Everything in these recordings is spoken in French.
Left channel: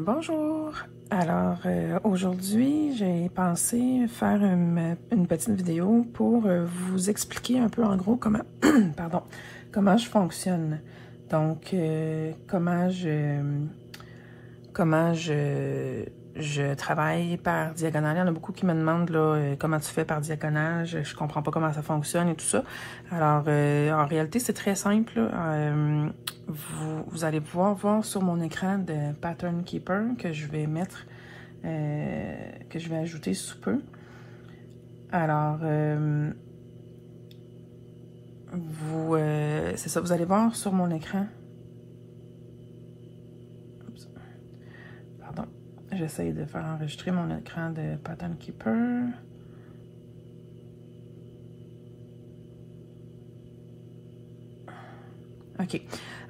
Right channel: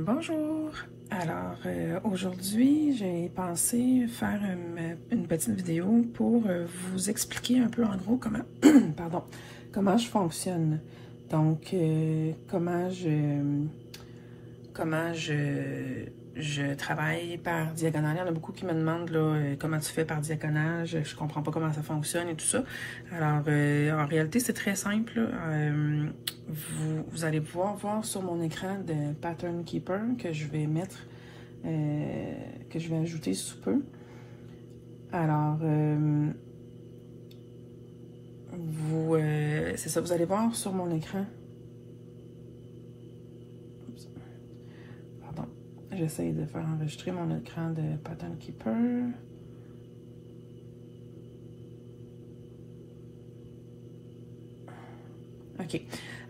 Bonjour! Alors, aujourd'hui, j'ai pensé faire une petite vidéo pour vous expliquer un peu en gros comment, pardon, comment je fonctionne. Donc, comment je travaille par diagonale. Il y en a beaucoup qui me demandent là, comment tu fais par diagonale. Je comprends pas comment ça fonctionne et tout ça. Alors, en réalité, c'est très simple. Vous allez pouvoir voir sur mon écran de Pattern Keeper que je vais mettre, que je vais ajouter sous peu. Alors, c'est ça, vous allez voir sur mon écran. Pardon, j'essaie de faire enregistrer mon écran de Pattern Keeper. OK.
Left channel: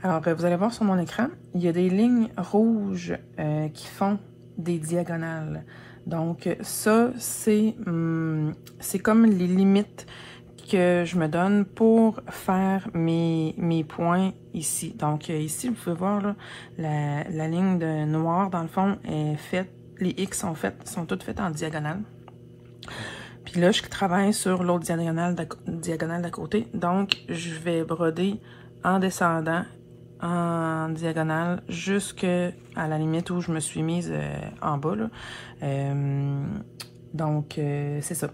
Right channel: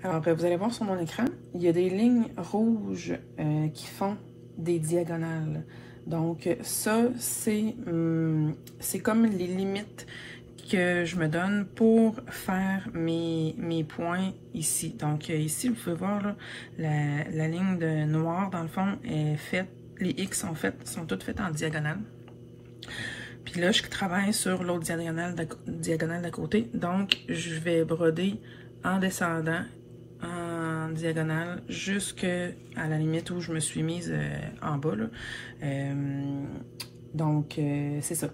Alors, vous allez voir sur mon écran, il y a des lignes rouges qui font des diagonales. Donc, ça, c'est comme les limites que je me donne pour faire mes points ici. Donc, ici, vous pouvez voir là, la ligne de noir, dans le fond, est faite, les X sont toutes faites en diagonale. Puis là, je travaille sur l'autre diagonale d'à côté. Donc, je vais broder en descendant en diagonale jusqu'à la limite où je me suis mise en bas. Là. Donc, c'est ça.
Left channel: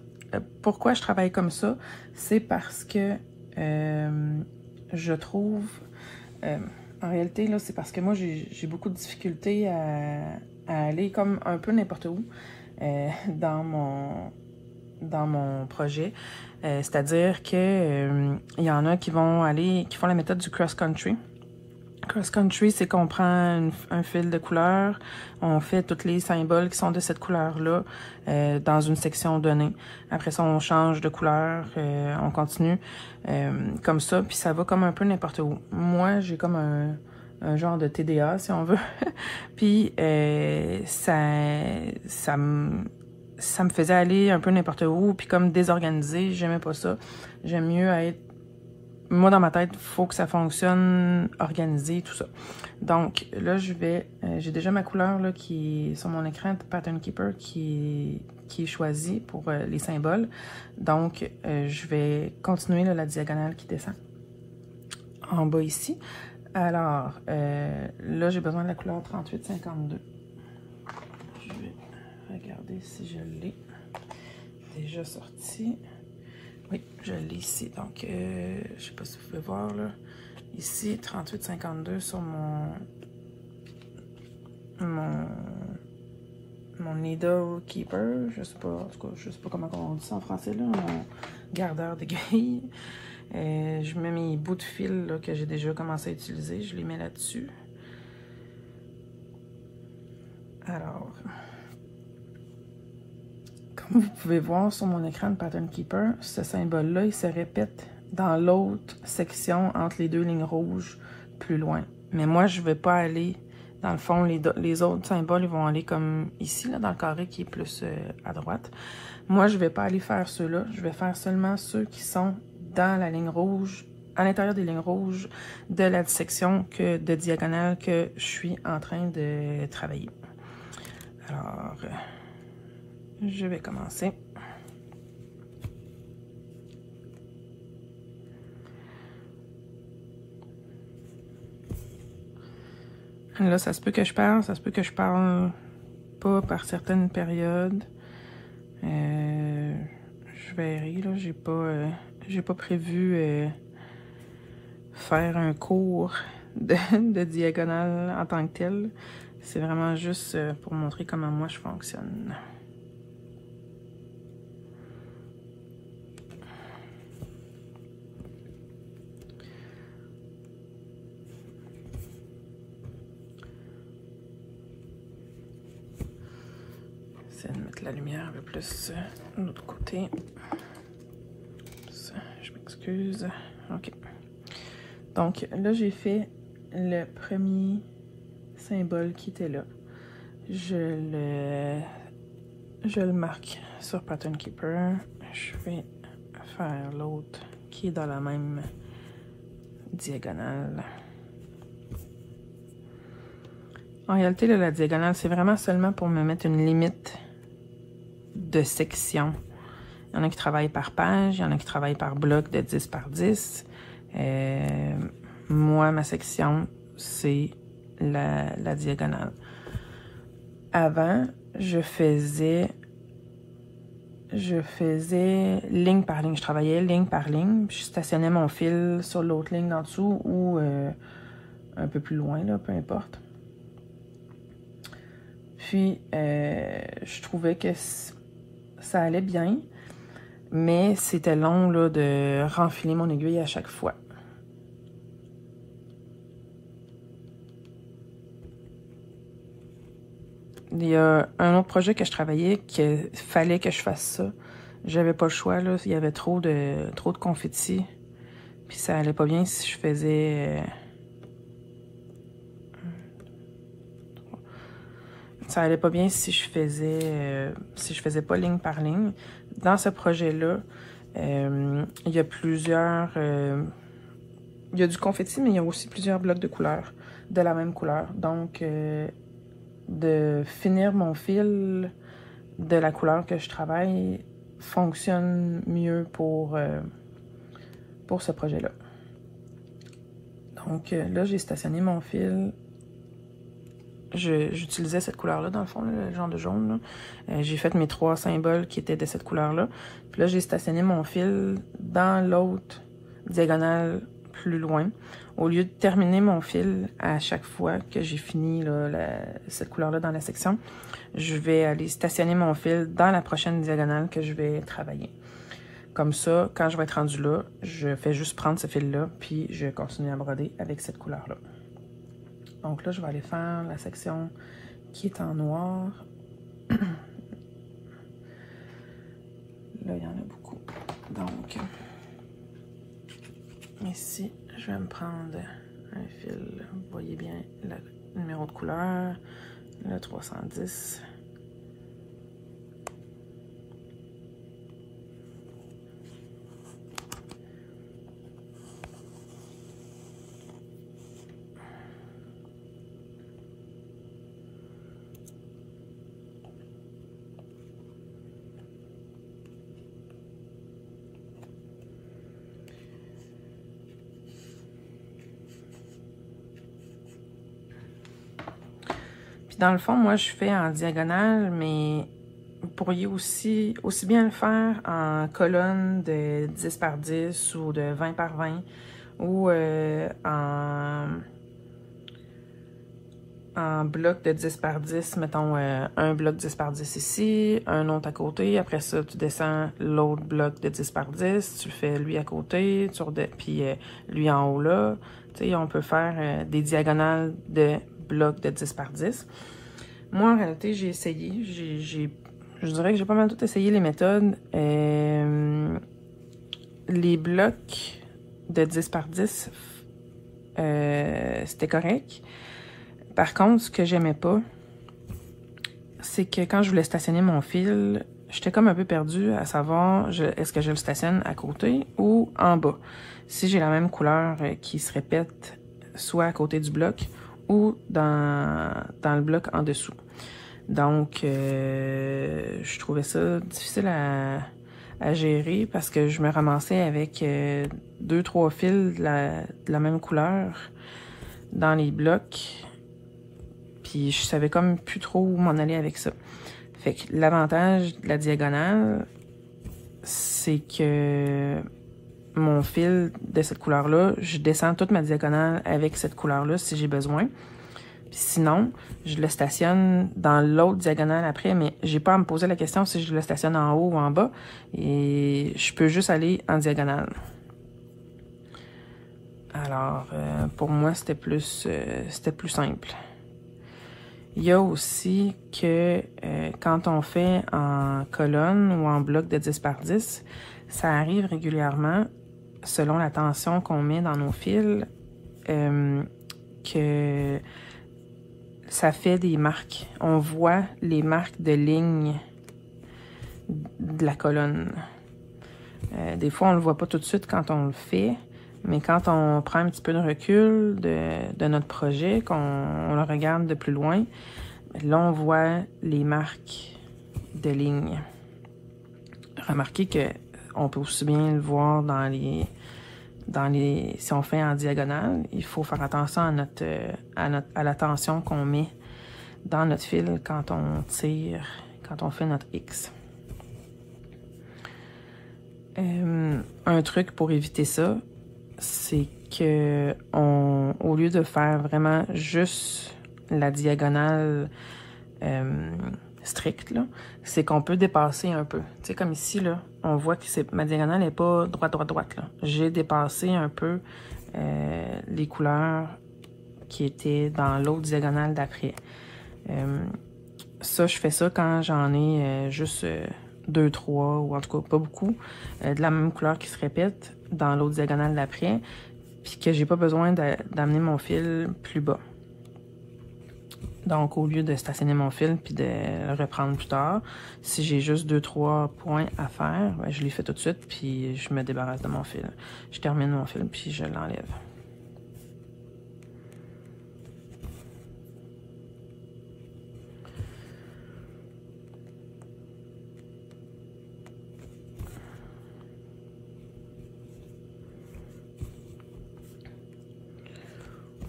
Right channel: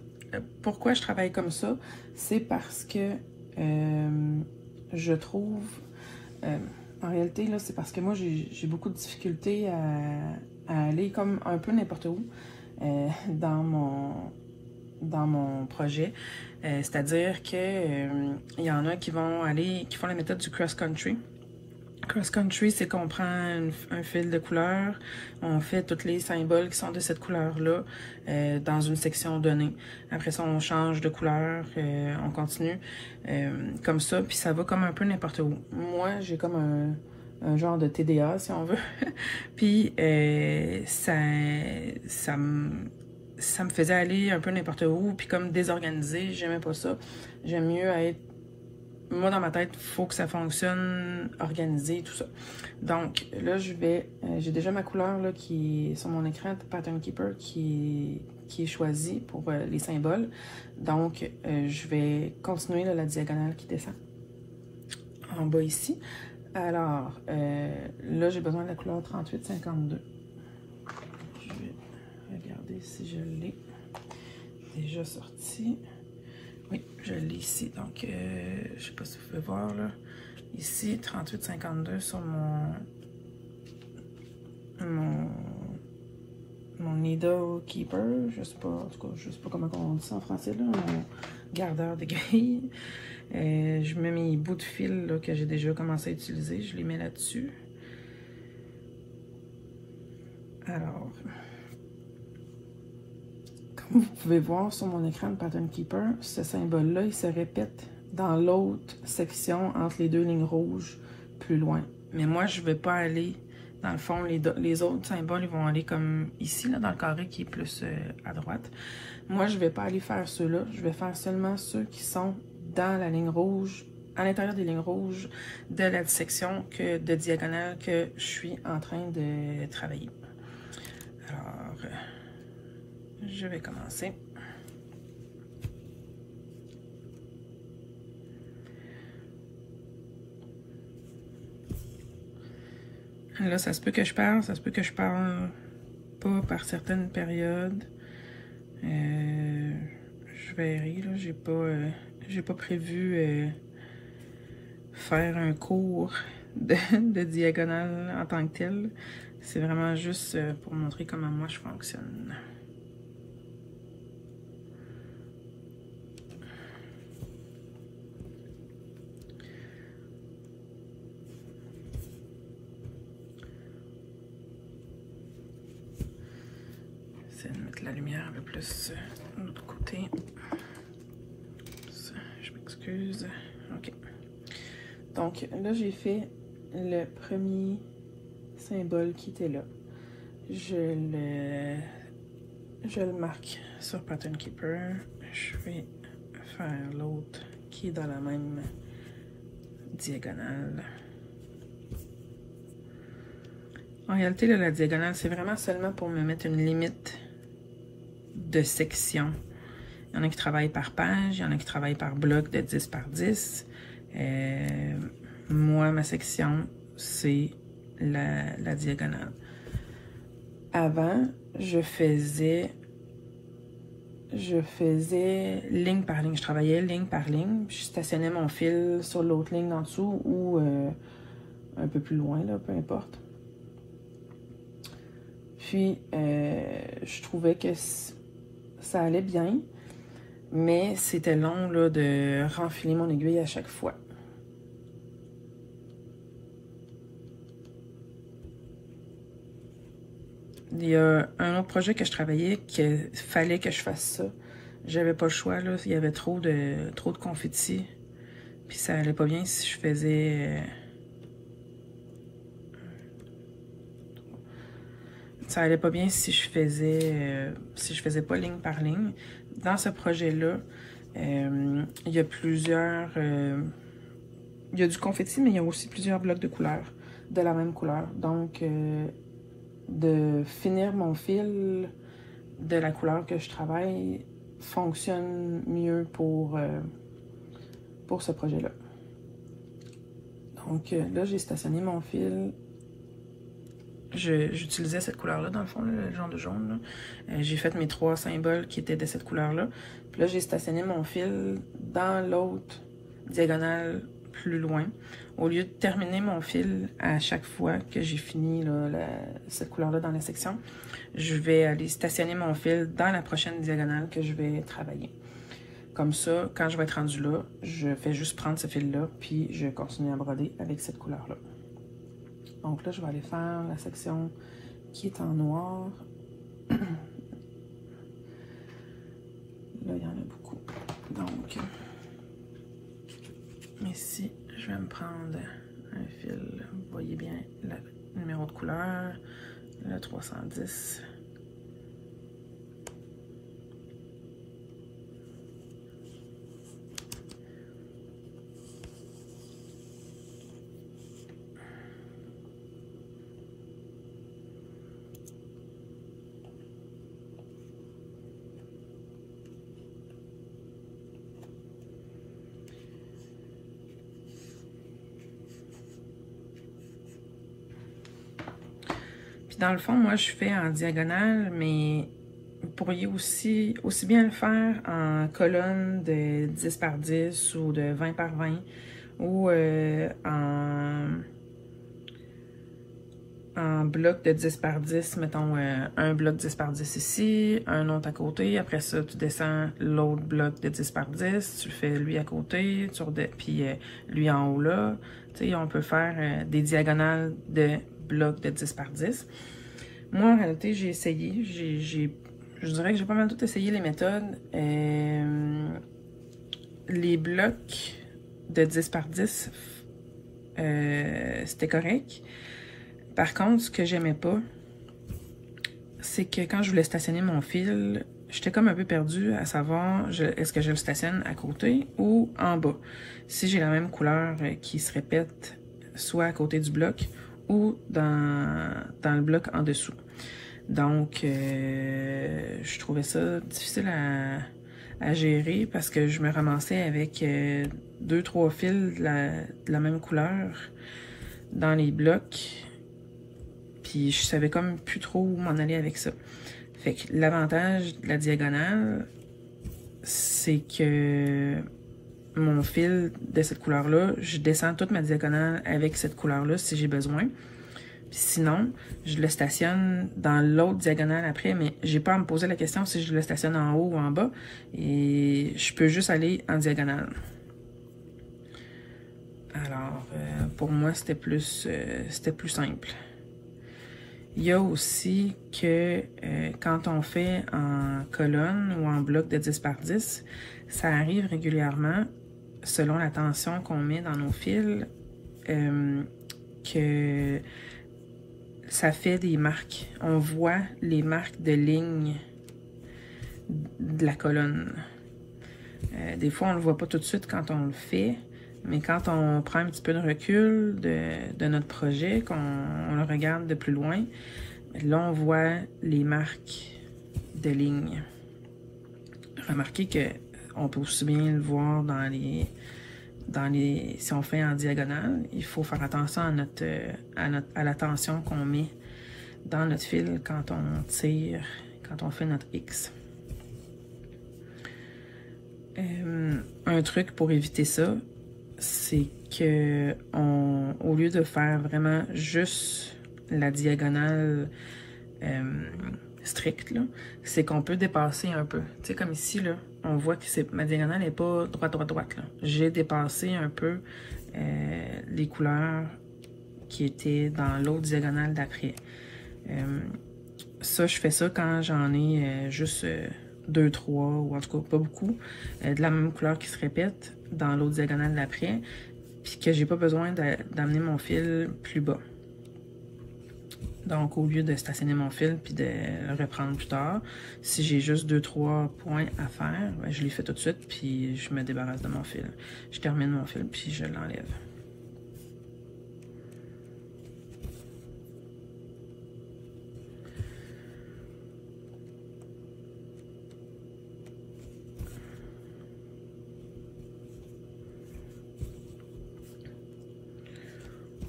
Pourquoi je travaille comme ça? C'est parce que je trouve... en réalité, là, c'est parce que moi, j'ai beaucoup de difficultés à aller comme un peu n'importe où dans mon projet. C'est-à-dire que il y en a qui font la méthode du cross-country. Cross-country, c'est qu'on prend un fil de couleur, on fait tous les symboles qui sont de cette couleur-là dans une section donnée. Après ça, on change de couleur, on continue comme ça, puis ça va comme un peu n'importe où. Moi, j'ai comme un genre de TDA, si on veut. Puis ça me faisait aller un peu n'importe où, puis comme désorganisé, j'aimais pas ça. J'aime mieux être... Moi, dans ma tête, il faut que ça fonctionne organisé, tout ça. Donc, là, j'ai déjà ma couleur là, qui est sur mon écran de Pattern Keeper qui est choisie pour les symboles. Donc, je vais continuer là, la diagonale qui descend en bas ici. Alors, là, j'ai besoin de la couleur 3852. Je vais regarder si je l'ai déjà sorti. Oui, je l'ai ici. Donc, je sais pas si vous pouvez voir, là. Ici, 3852 sur mon Needle Keeper. Je sais pas, en tout cas, je sais pas comment on dit ça en français, là. Mon gardeur de grille. Je mets mes bouts de fil là, que j'ai déjà commencé à utiliser. Je les mets là-dessus. Alors... Comme vous pouvez voir sur mon écran de Pattern Keeper, ce symbole-là, il se répète dans l'autre section entre les deux lignes rouges plus loin. Mais moi, je ne vais pas aller, dans le fond, les autres symboles, ils vont aller comme ici, là, dans le carré qui est plus à droite. Moi, je ne vais pas aller faire ceux-là. Je vais faire seulement ceux qui sont dans la ligne rouge, à l'intérieur des lignes rouges de la section de diagonale que je suis en train de travailler. Alors... je vais commencer. Là, ça se peut que je parle, ça se peut que je parle pas par certaines périodes. Je verrai, là, j'ai pas prévu faire un cours de diagonale en tant que tel. C'est vraiment juste pour montrer comment moi je fonctionne. De mettre la lumière un peu plus de l'autre côté. Ça, je m'excuse. OK. Donc là, j'ai fait le premier symbole qui était là. Je le marque sur Pattern Keeper. Je vais faire l'autre qui est dans la même diagonale. En réalité, là, la diagonale, c'est vraiment seulement pour me mettre une limite de section. Il y en a qui travaillent par page, il y en a qui travaillent par bloc de 10 par 10. Moi, ma section, c'est la diagonale. Avant, je faisais ligne par ligne. Je travaillais ligne par ligne, puis je stationnais mon fil sur l'autre ligne en dessous ou un peu plus loin, là, peu importe. Puis, je trouvais que ça allait bien, mais c'était long là, de renfiler mon aiguille à chaque fois. Il y a un autre projet que je travaillais qu'il fallait que je fasse ça. J'avais pas le choix, là. Il y avait trop de confetti. Puis ça allait pas bien si je faisais... Ça allait pas bien si je faisais pas ligne par ligne. Dans ce projet-là, il y a plusieurs... il y a du confetti, mais il y a aussi plusieurs blocs de couleurs, de la même couleur. Donc, de finir mon fil de la couleur que je travaille fonctionne mieux pour ce projet-là. Donc, là, j'ai stationné mon fil. J'utilisais cette couleur-là, dans le fond, là, le genre de jaune. J'ai fait mes 3 symboles qui étaient de cette couleur-là. Puis là, j'ai stationné mon fil dans l'autre diagonale plus loin. Au lieu de terminer mon fil à chaque fois que j'ai fini là, cette couleur-là dans la section, je vais aller stationner mon fil dans la prochaine diagonale que je vais travailler. Comme ça, quand je vais être rendu là, je fais juste prendre ce fil-là, puis je continue à broder avec cette couleur-là. Donc là, je vais aller faire la section qui est en noir. Là, il y en a beaucoup. Donc, ici, je vais me prendre un fil. Vous voyez bien le numéro de couleur, le 310. Dans le fond, moi, je fais en diagonale, mais vous pourriez aussi bien le faire en colonne de 10 par 10 ou de 20 par 20 ou en bloc de 10 par 10, mettons un bloc 10 par 10 ici, un autre à côté. Après ça, tu descends l'autre bloc de 10 par 10, tu le fais lui à côté, puis lui en haut là. Tu sais, on peut faire des diagonales de blocs de 10 par 10. Moi, en réalité, j'ai essayé. Je dirais que j'ai pas mal tout essayé les méthodes. Les blocs de 10 par 10, c'était correct. Par contre, ce que j'aimais pas, c'est que quand je voulais stationner mon fil, j'étais comme un peu perdue à savoir est-ce que je le stationne à côté ou en bas. Si j'ai la même couleur qui se répète soit à côté du bloc ou dans le bloc en dessous. Donc, je trouvais ça difficile à gérer parce que je me ramassais avec 2-3 fils de la même couleur dans les blocs. Puis je savais comme plus trop où m'en aller avec ça. Fait que l'avantage de la diagonale, c'est que mon fil de cette couleur-là, je descends toute ma diagonale avec cette couleur-là si j'ai besoin. Sinon, je le stationne dans l'autre diagonale après, mais j'ai pas à me poser la question si je le stationne en haut ou en bas. Et je peux juste aller en diagonale. Alors, pour moi, c'était plus simple. Il y a aussi que quand on fait en colonne ou en bloc de 10 par 10, ça arrive régulièrement, selon la tension qu'on met dans nos fils, que ça fait des marques. On voit les marques de ligne de la colonne. Des fois, on ne le voit pas tout de suite quand on le fait, Mais quand on prend un petit peu de recul de notre projet, qu'on le regarde de plus loin, là, on voit les marques de lignes. Remarquez qu'on peut aussi bien le voir si on fait en diagonale, il faut faire attention à la tension qu'on met dans notre fil quand on tire, quand on fait notre X. Un truc pour éviter ça, c'est que au lieu de faire vraiment juste la diagonale stricte, là, c'est qu'on peut dépasser un peu. Tu sais, comme ici, là, on voit que ma diagonale n'est pas droite, là. J'ai dépassé un peu les couleurs qui étaient dans l'autre diagonale d'après. Ça, je fais ça quand j'en ai juste 2, 3, ou en tout cas pas beaucoup, de la même couleur qui se répète dans l'autre diagonale d'après, puis que j'ai pas besoin d'amener mon fil plus bas. Donc, au lieu de stationner mon fil puis de le reprendre plus tard, si j'ai juste 2, 3 points à faire, ben, je les fais tout de suite, puis je me débarrasse de mon fil. Je termine mon fil, puis je l'enlève.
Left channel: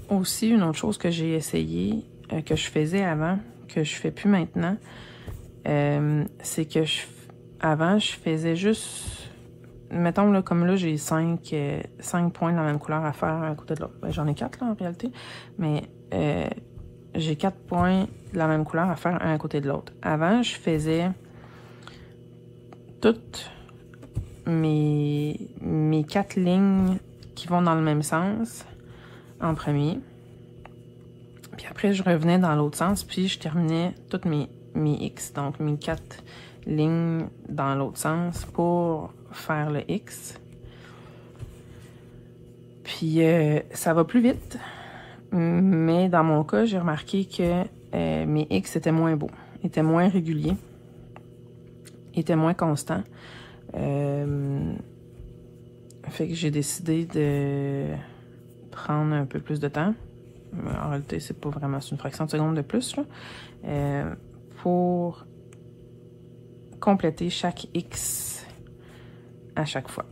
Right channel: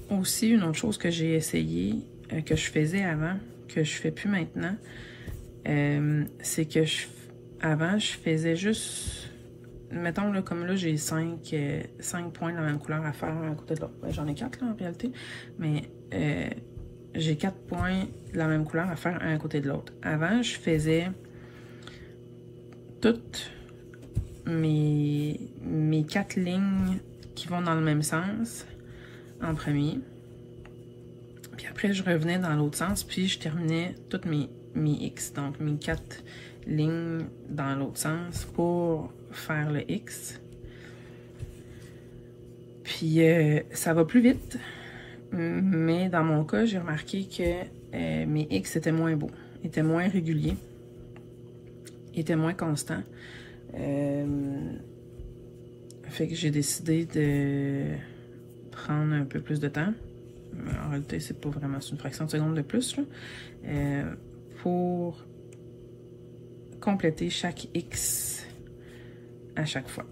Aussi, une autre chose que j'ai essayé, que je faisais avant, que je fais plus maintenant, c'est que avant, je faisais juste, mettons là, comme là, j'ai 5 points de la même couleur à faire à côté de l'autre. Ben, j'en ai 4 là en réalité, mais j'ai 4 points de la même couleur à faire un à côté de l'autre. Avant, je faisais toutes mes 4 lignes qui vont dans le même sens en premier. Puis après, je revenais dans l'autre sens, puis je terminais toutes mes X. Donc, mes 4 lignes dans l'autre sens pour faire le X. Puis, ça va plus vite. Mais dans mon cas, j'ai remarqué que mes X étaient moins beaux, étaient moins réguliers, étaient moins constants. Fait que j'ai décidé de prendre un peu plus de temps. En réalité, c'est pas vraiment, c'est une fraction de seconde de plus, là, pour compléter chaque X à chaque fois.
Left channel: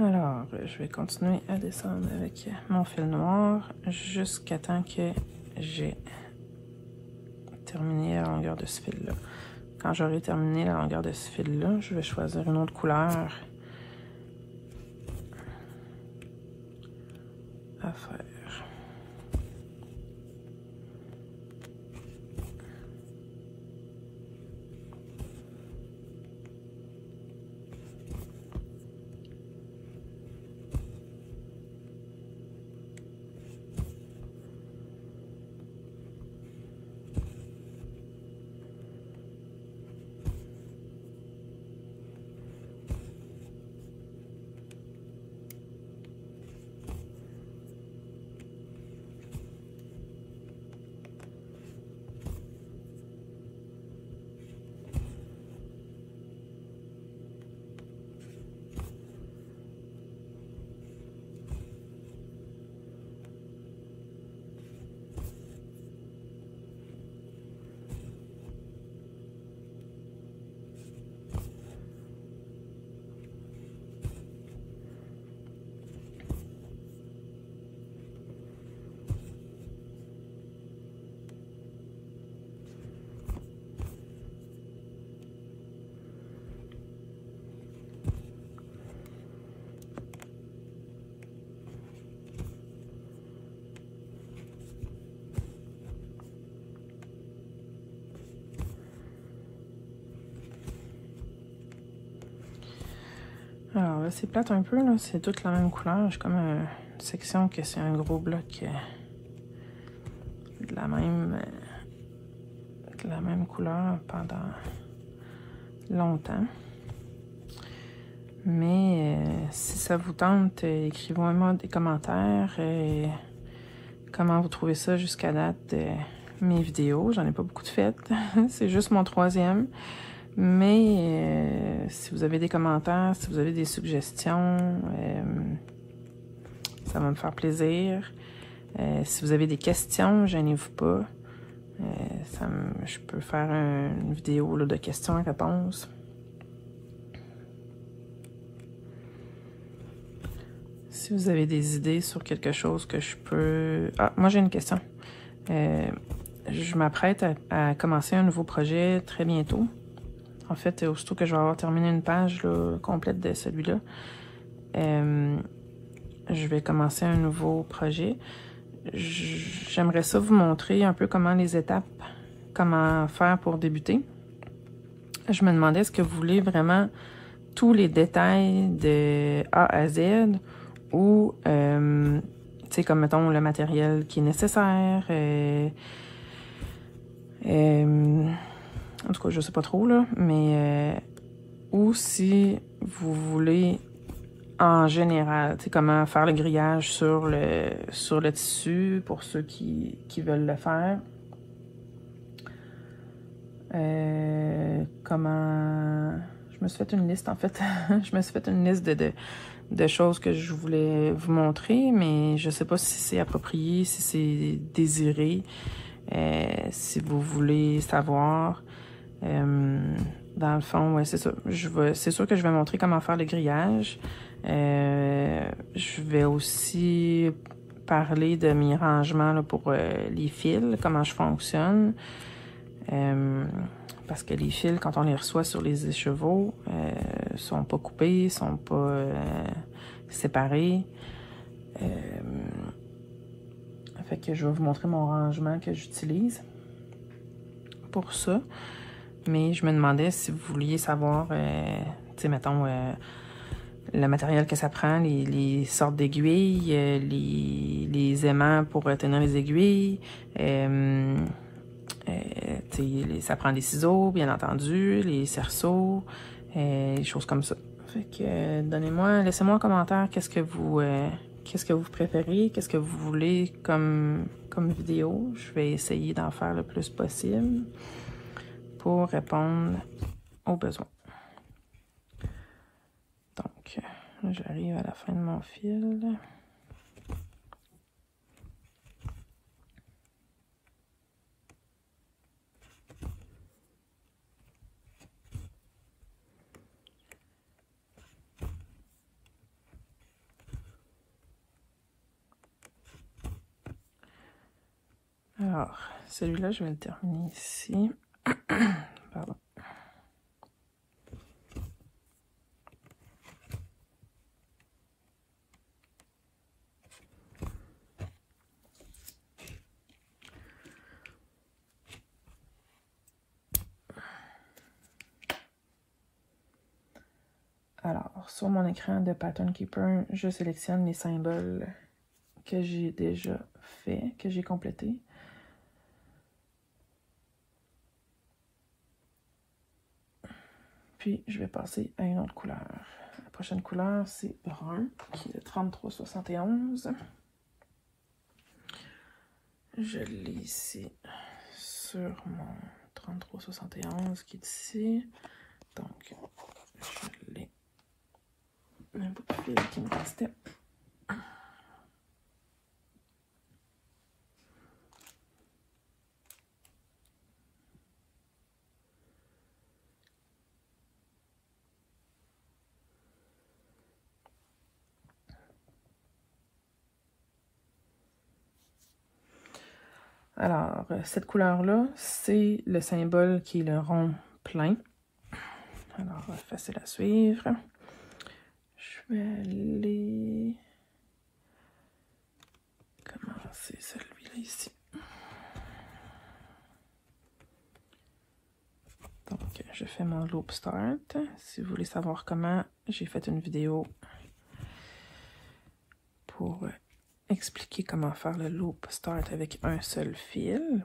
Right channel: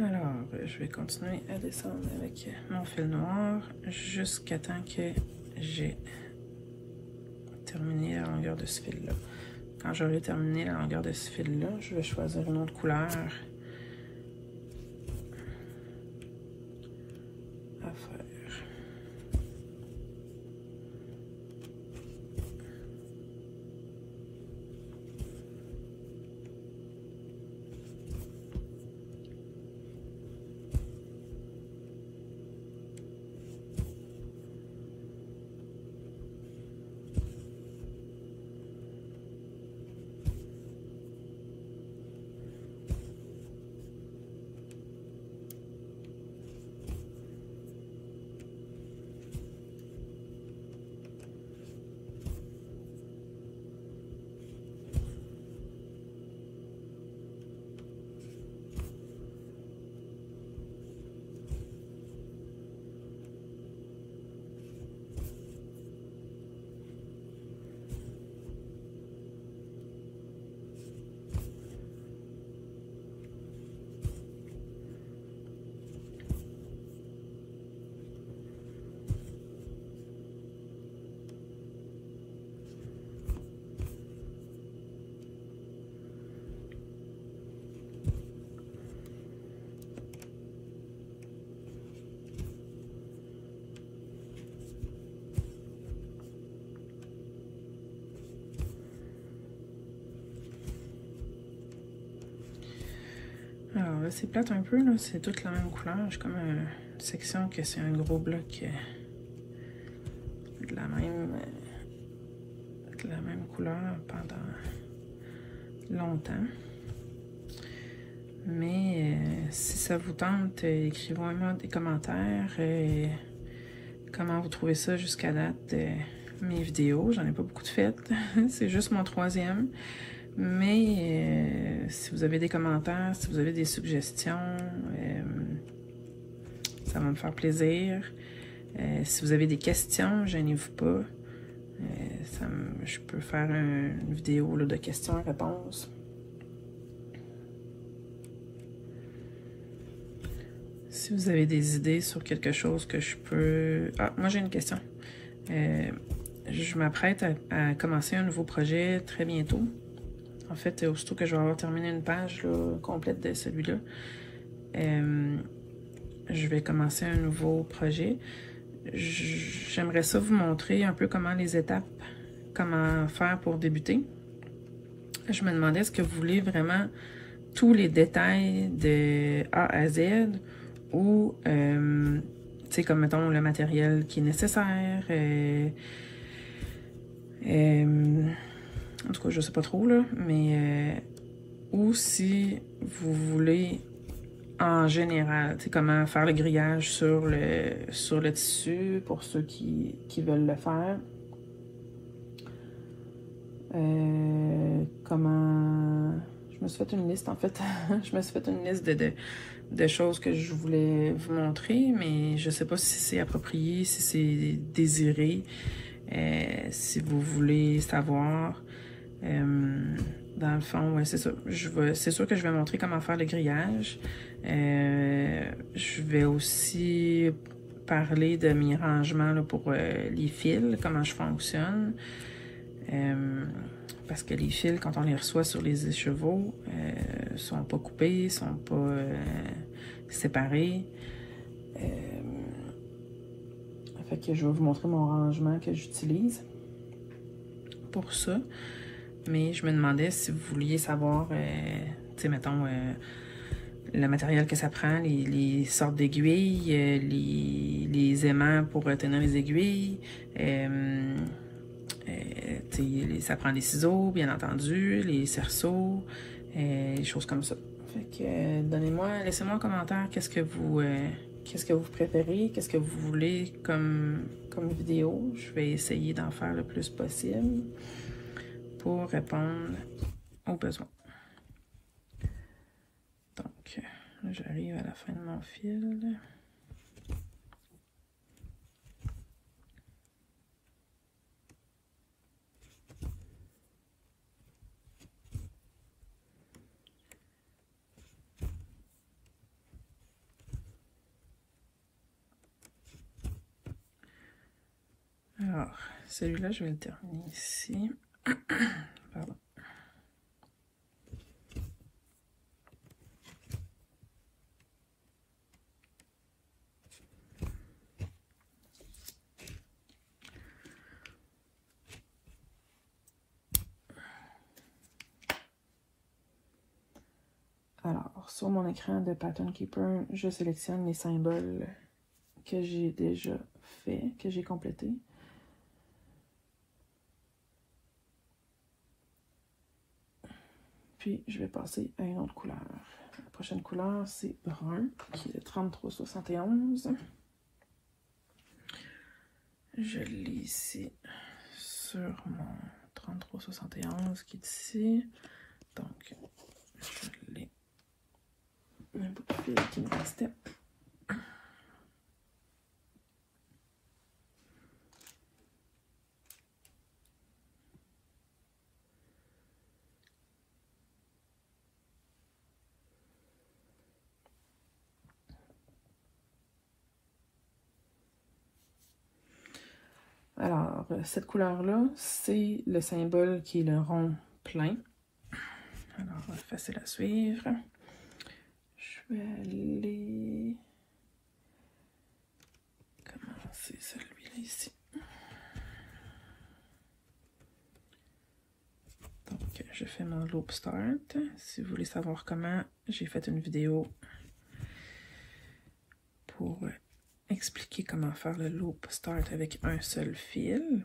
Alors, je vais continuer à descendre avec mon fil noir jusqu'à temps que j'ai terminé la longueur de ce fil-là. Quand j'aurai terminé la longueur de ce fil-là, je vais choisir une autre couleur à faire. c'est plate un peu, là. C'est toute la même couleur. J'ai comme une section que c'est un gros bloc de la même couleur pendant longtemps. Mais si ça vous tente, écrivez-moi des commentaires. Comment vous trouvez ça jusqu'à date, mes vidéos. J'en ai pas beaucoup de faites. C'est juste mon 3e. Mais si vous avez des commentaires, si vous avez des suggestions, ça va me faire plaisir. Si vous avez des questions, gênez-vous pas. Je peux faire une vidéo là, de questions et réponses. Si vous avez des idées sur quelque chose que je peux... Ah, moi j'ai une question. Je m'apprête à commencer un nouveau projet très bientôt. En fait, aussitôt que je vais avoir terminé une page là, complète de celui-là, je vais commencer un nouveau projet. J'aimerais ça vous montrer un peu comment les étapes, comment faire pour débuter. Je me demandais, est-ce que vous voulez vraiment tous les détails de A à Z ou, tu sais, comme mettons le matériel qui est nécessaire, en tout cas, je sais pas trop, là, mais ou si vous voulez en général, tu sais, comment faire le grillage sur le tissu pour ceux qui veulent le faire. Comment... Je me suis fait une liste, en fait. Je me suis fait une liste de choses que je voulais vous montrer, mais je sais pas si c'est approprié, si c'est désiré, si vous voulez savoir. Dans le fond, ouais, c'est ça. C'est sûr que je vais montrer comment faire le grillage. Je vais aussi parler de mes rangements là, pour les fils, comment je fonctionne. Parce que les fils, quand on les reçoit sur les écheveaux, sont pas coupés, sont pas séparés. Fait que je vais vous montrer mon rangement que j'utilise pour ça. Mais je me demandais si vous vouliez savoir, tu sais, mettons, le matériel que ça prend, les sortes d'aiguilles, les aimants pour tenir les aiguilles. Ça prend des ciseaux, bien entendu, les cerceaux, des choses comme ça. Fait que laissez-moi un commentaire, qu'est-ce que vous préférez, qu'est-ce que vous voulez comme vidéo. Je vais essayer d'en faire le plus possible pour répondre aux besoins. Donc, j'arrive à la fin de mon fil. Alors, celui-là, je vais le terminer ici. Pardon. Alors, sur mon écran de Pattern Keeper, je sélectionne les symboles que j'ai déjà fait, que j'ai complété. Puis, je vais passer à une autre couleur. La prochaine couleur, c'est brun, qui est le 3371. Je l'ai ici sur mon 3371 qui est ici. Donc, je l'ai. Un peu de fil qui me restait. Alors, cette couleur-là, c'est le symbole qui est le rond plein. Alors, facile à suivre. Je vais aller commencer celui-là ici. Donc, je fais mon loop start. Si vous voulez savoir comment, j'ai fait une vidéo pour expliquer comment faire le loop start avec un seul fil.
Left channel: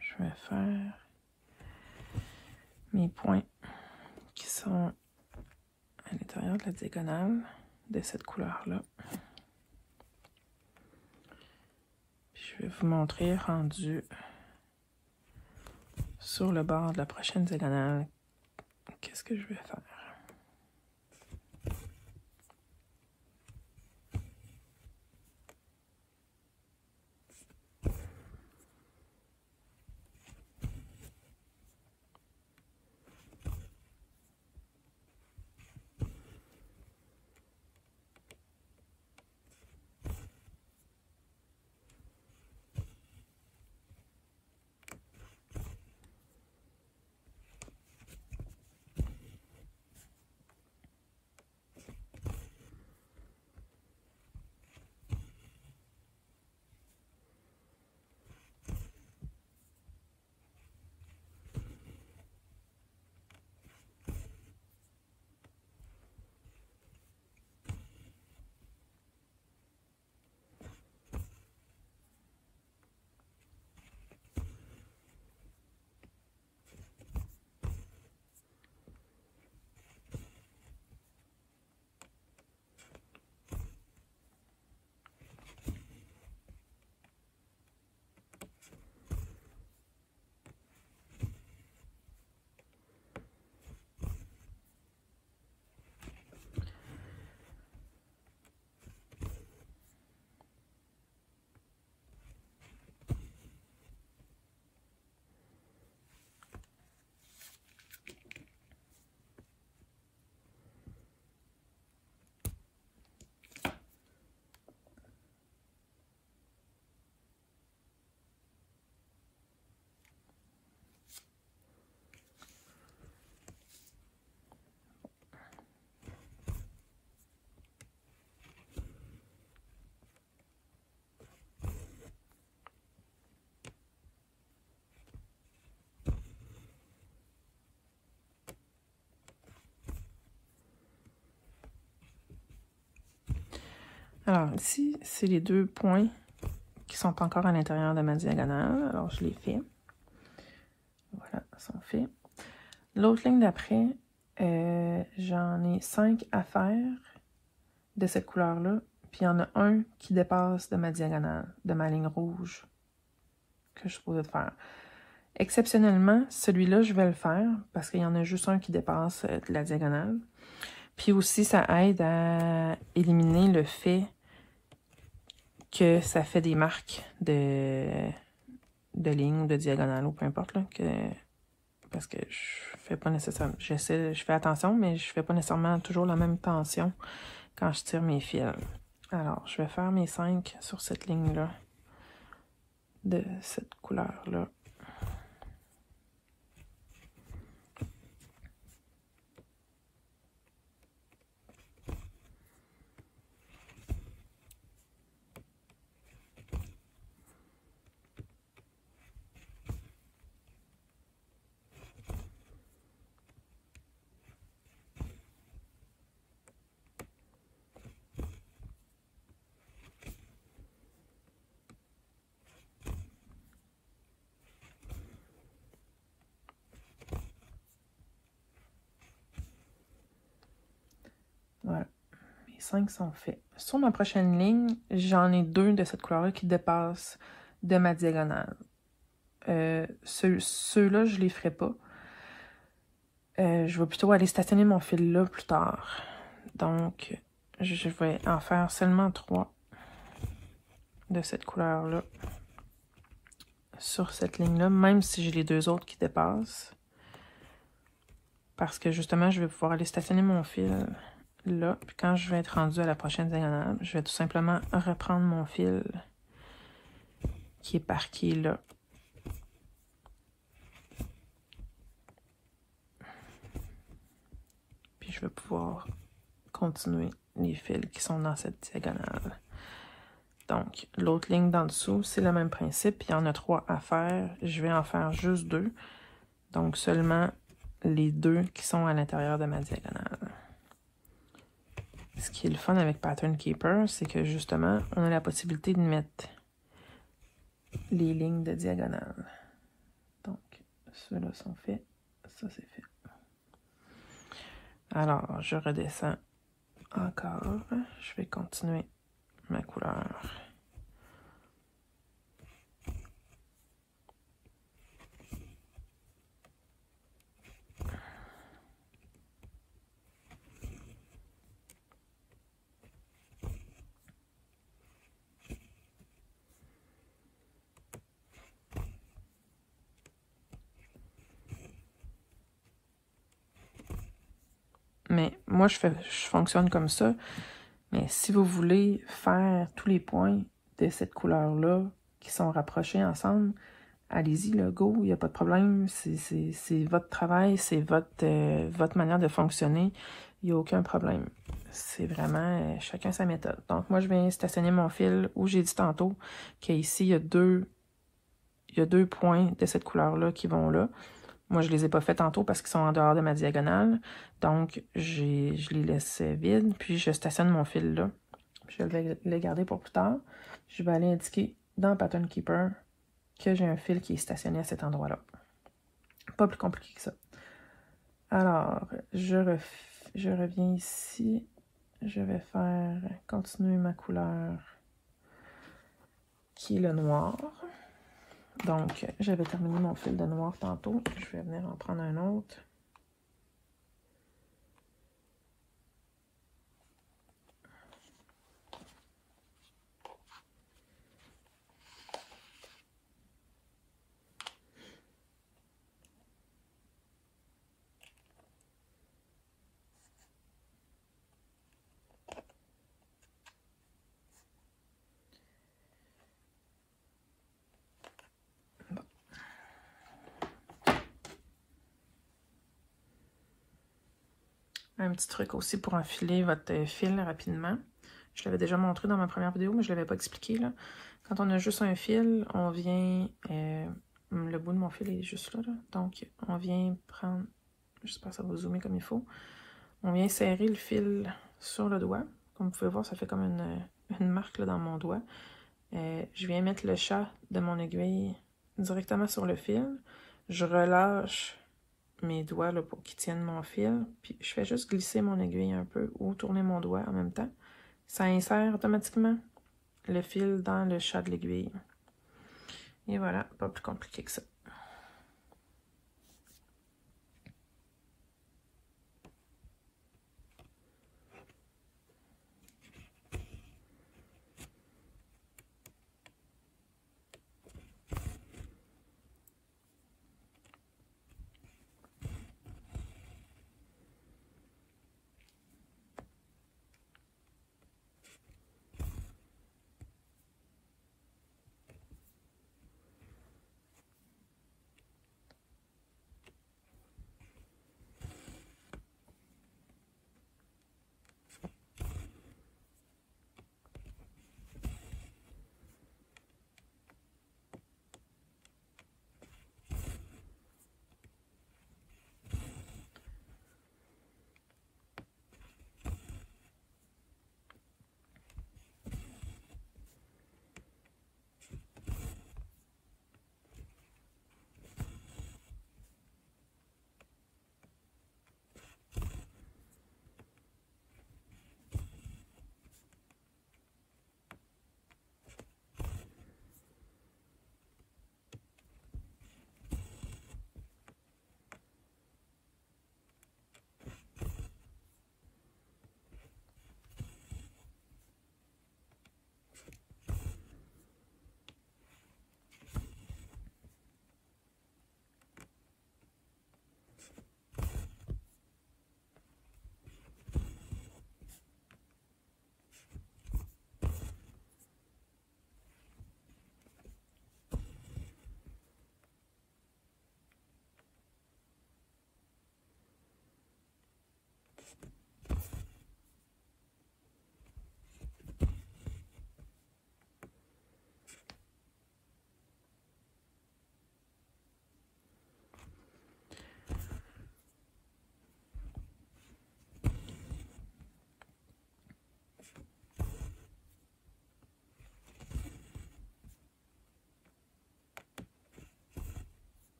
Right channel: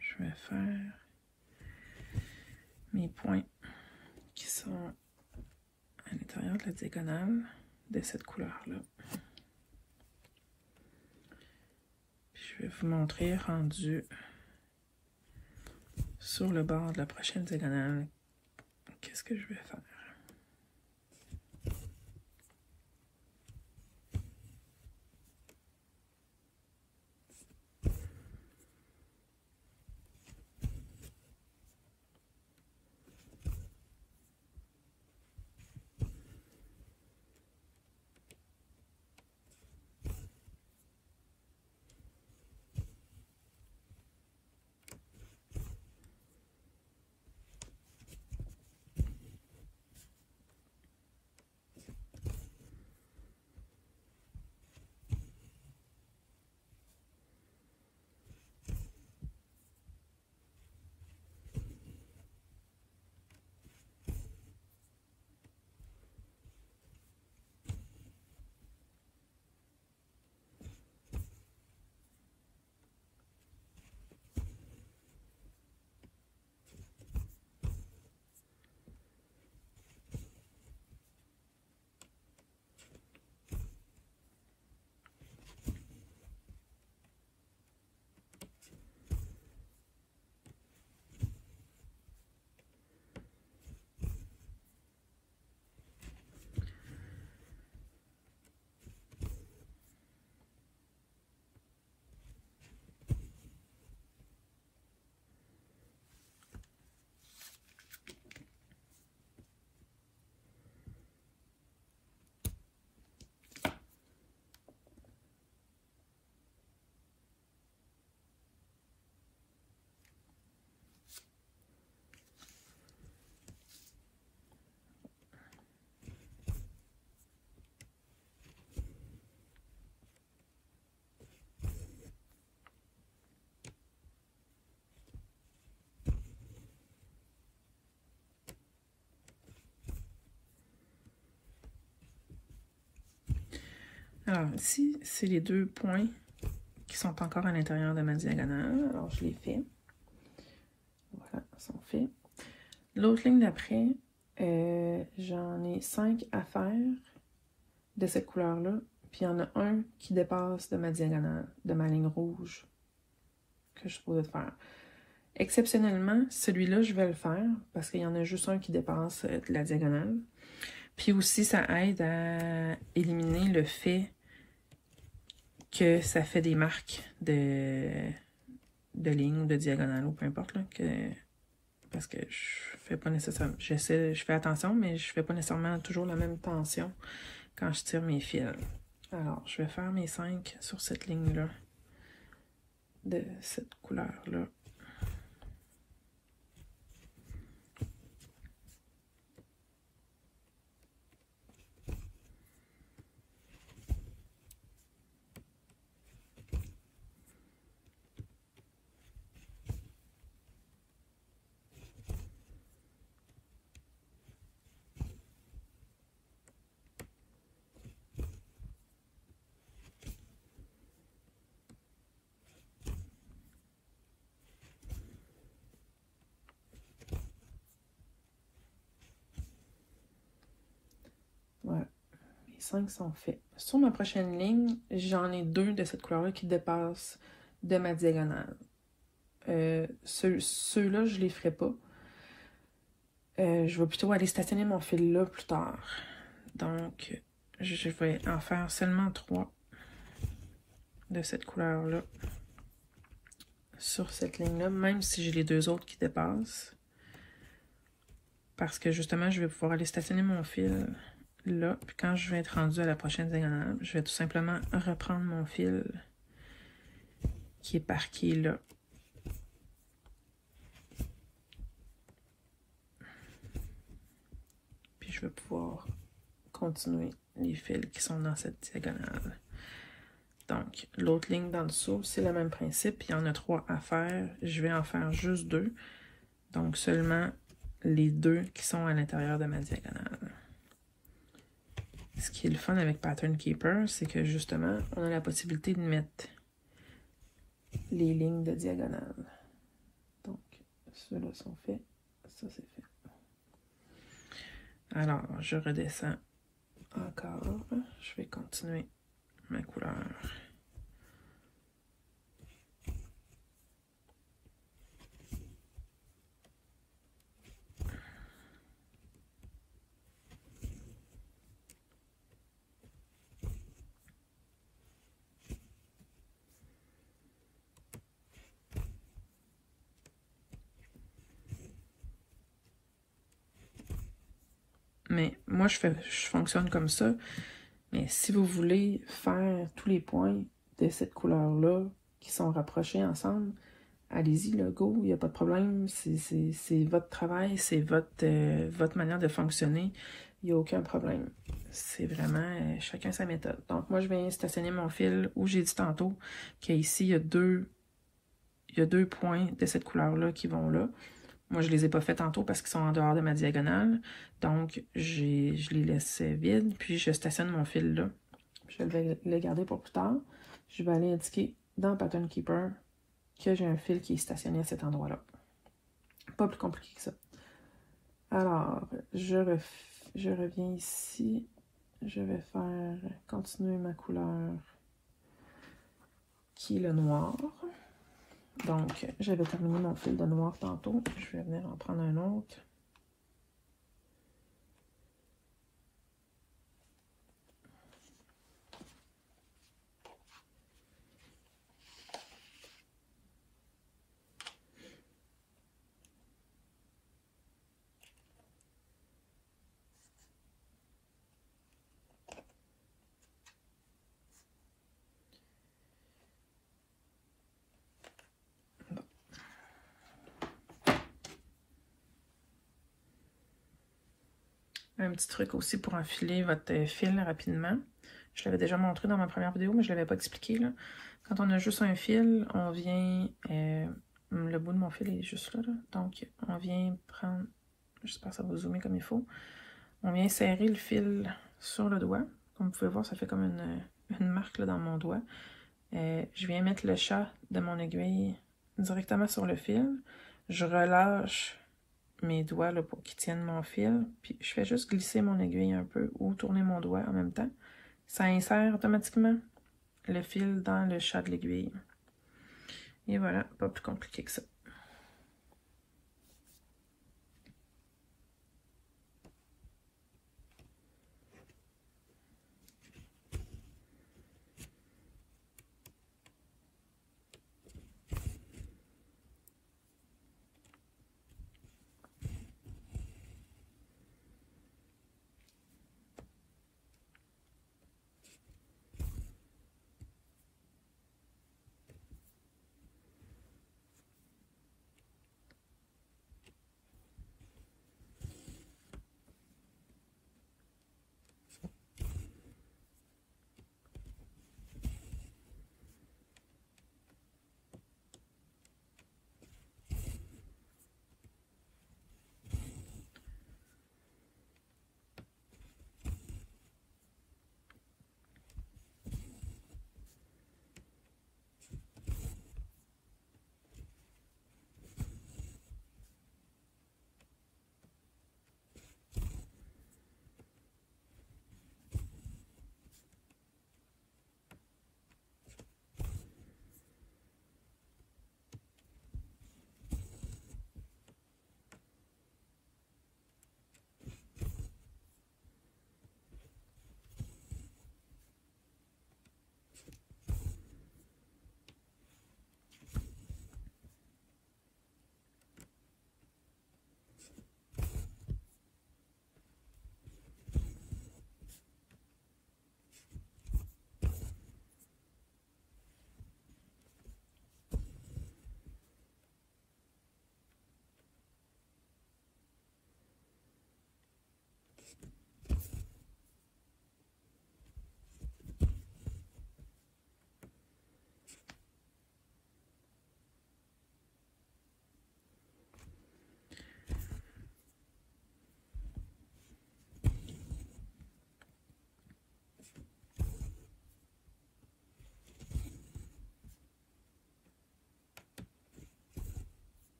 Je vais faire mes points qui sont à l'intérieur de la diagonale de cette couleur-là. Je vais vous montrer rendu sur le bord de la prochaine diagonale qu'est-ce que je vais faire. Alors ici, c'est les deux points qui sont encore à l'intérieur de ma diagonale. Alors je les fais. Voilà, ils sont faits. L'autre ligne d'après, j'en ai 5 à faire de cette couleur-là. Puis il y en a un qui dépasse de ma diagonale, de ma ligne rouge que je suis supposée de faire. Exceptionnellement, celui-là, je vais le faire parce qu'il y en a juste un qui dépasse de la diagonale. Puis aussi, ça aide à éliminer le fait que ça fait des marques de ligne ou de diagonale ou peu importe. Là, parce que je fais pas nécessairement... je fais attention, mais je fais pas nécessairement toujours la même tension quand je tire mes fils. Alors, je vais faire mes 5 sur cette ligne-là, de cette couleur-là. Voilà, mes 5 sont faits. Sur ma prochaine ligne, j'en ai 2 de cette couleur-là qui dépassent de ma diagonale. Ceux-là, je les ferai pas. Je vais plutôt aller stationner mon fil là plus tard. Donc, je vais en faire seulement 3. de cette couleur-là sur cette ligne-là, même si j'ai les deux autres qui dépassent. Parce que justement, je vais pouvoir aller stationner mon fil là. Puis quand je vais être rendu à la prochaine diagonale, je vais tout simplement reprendre mon fil qui est parqué là. Puis je vais pouvoir continuer les fils qui sont dans cette diagonale. Donc, l'autre ligne d'en dessous, c'est le même principe. Il y en a 3 à faire. Je vais en faire juste 2. Donc, seulement les 2 qui sont à l'intérieur de ma diagonale. Ce qui est le fun avec Pattern Keeper, c'est que justement, on a la possibilité de mettre les lignes de diagonale. Donc, ceux-là sont faits. Ça, c'est fait. Alors, je redescends encore. Je vais continuer ma couleur. Mais moi, je fonctionne comme ça. Mais si vous voulez faire tous les points de cette couleur-là qui sont rapprochés ensemble, allez-y, le go, il n'y a pas de problème. C'est votre travail, c'est votre manière de fonctionner. Il n'y a aucun problème. C'est vraiment chacun sa méthode. Donc, moi, je viens stationner mon fil où j'ai dit tantôt qu'ici, il y a deux points de cette couleur-là qui vont là. Moi, je les ai pas fait tantôt parce qu'ils sont en dehors de ma diagonale. Donc, je les laisse vides. Puis, je stationne mon fil là. Je vais le garder pour plus tard. Je vais aller indiquer dans Pattern Keeper que j'ai un fil qui est stationné à cet endroit-là. Pas plus compliqué que ça. Alors, je reviens ici. Je vais faire continuer ma couleur qui est le noir. Donc, j'avais terminé mon fil de noir tantôt. Je vais venir en prendre un autre. Un petit truc aussi pour enfiler votre fil rapidement. Je l'avais déjà montré dans ma première vidéo, mais je ne l'avais pas expliqué, là. Quand on a juste un fil, on vient... le bout de mon fil est juste là, là. Donc, on vient prendre... J'espère que ça va zoomer comme il faut. On vient serrer le fil sur le doigt. Comme vous pouvez voir, ça fait comme une marque là, dans mon doigt. Je viens mettre le chat de mon aiguille directement sur le fil. Je relâche mes doigts là, pour qu'ils tiennent mon fil. Puis je fais juste glisser mon aiguille un peu ou tourner mon doigt en même temps. Ça insère automatiquement le fil dans le chat de l'aiguille. Et voilà, pas plus compliqué que ça.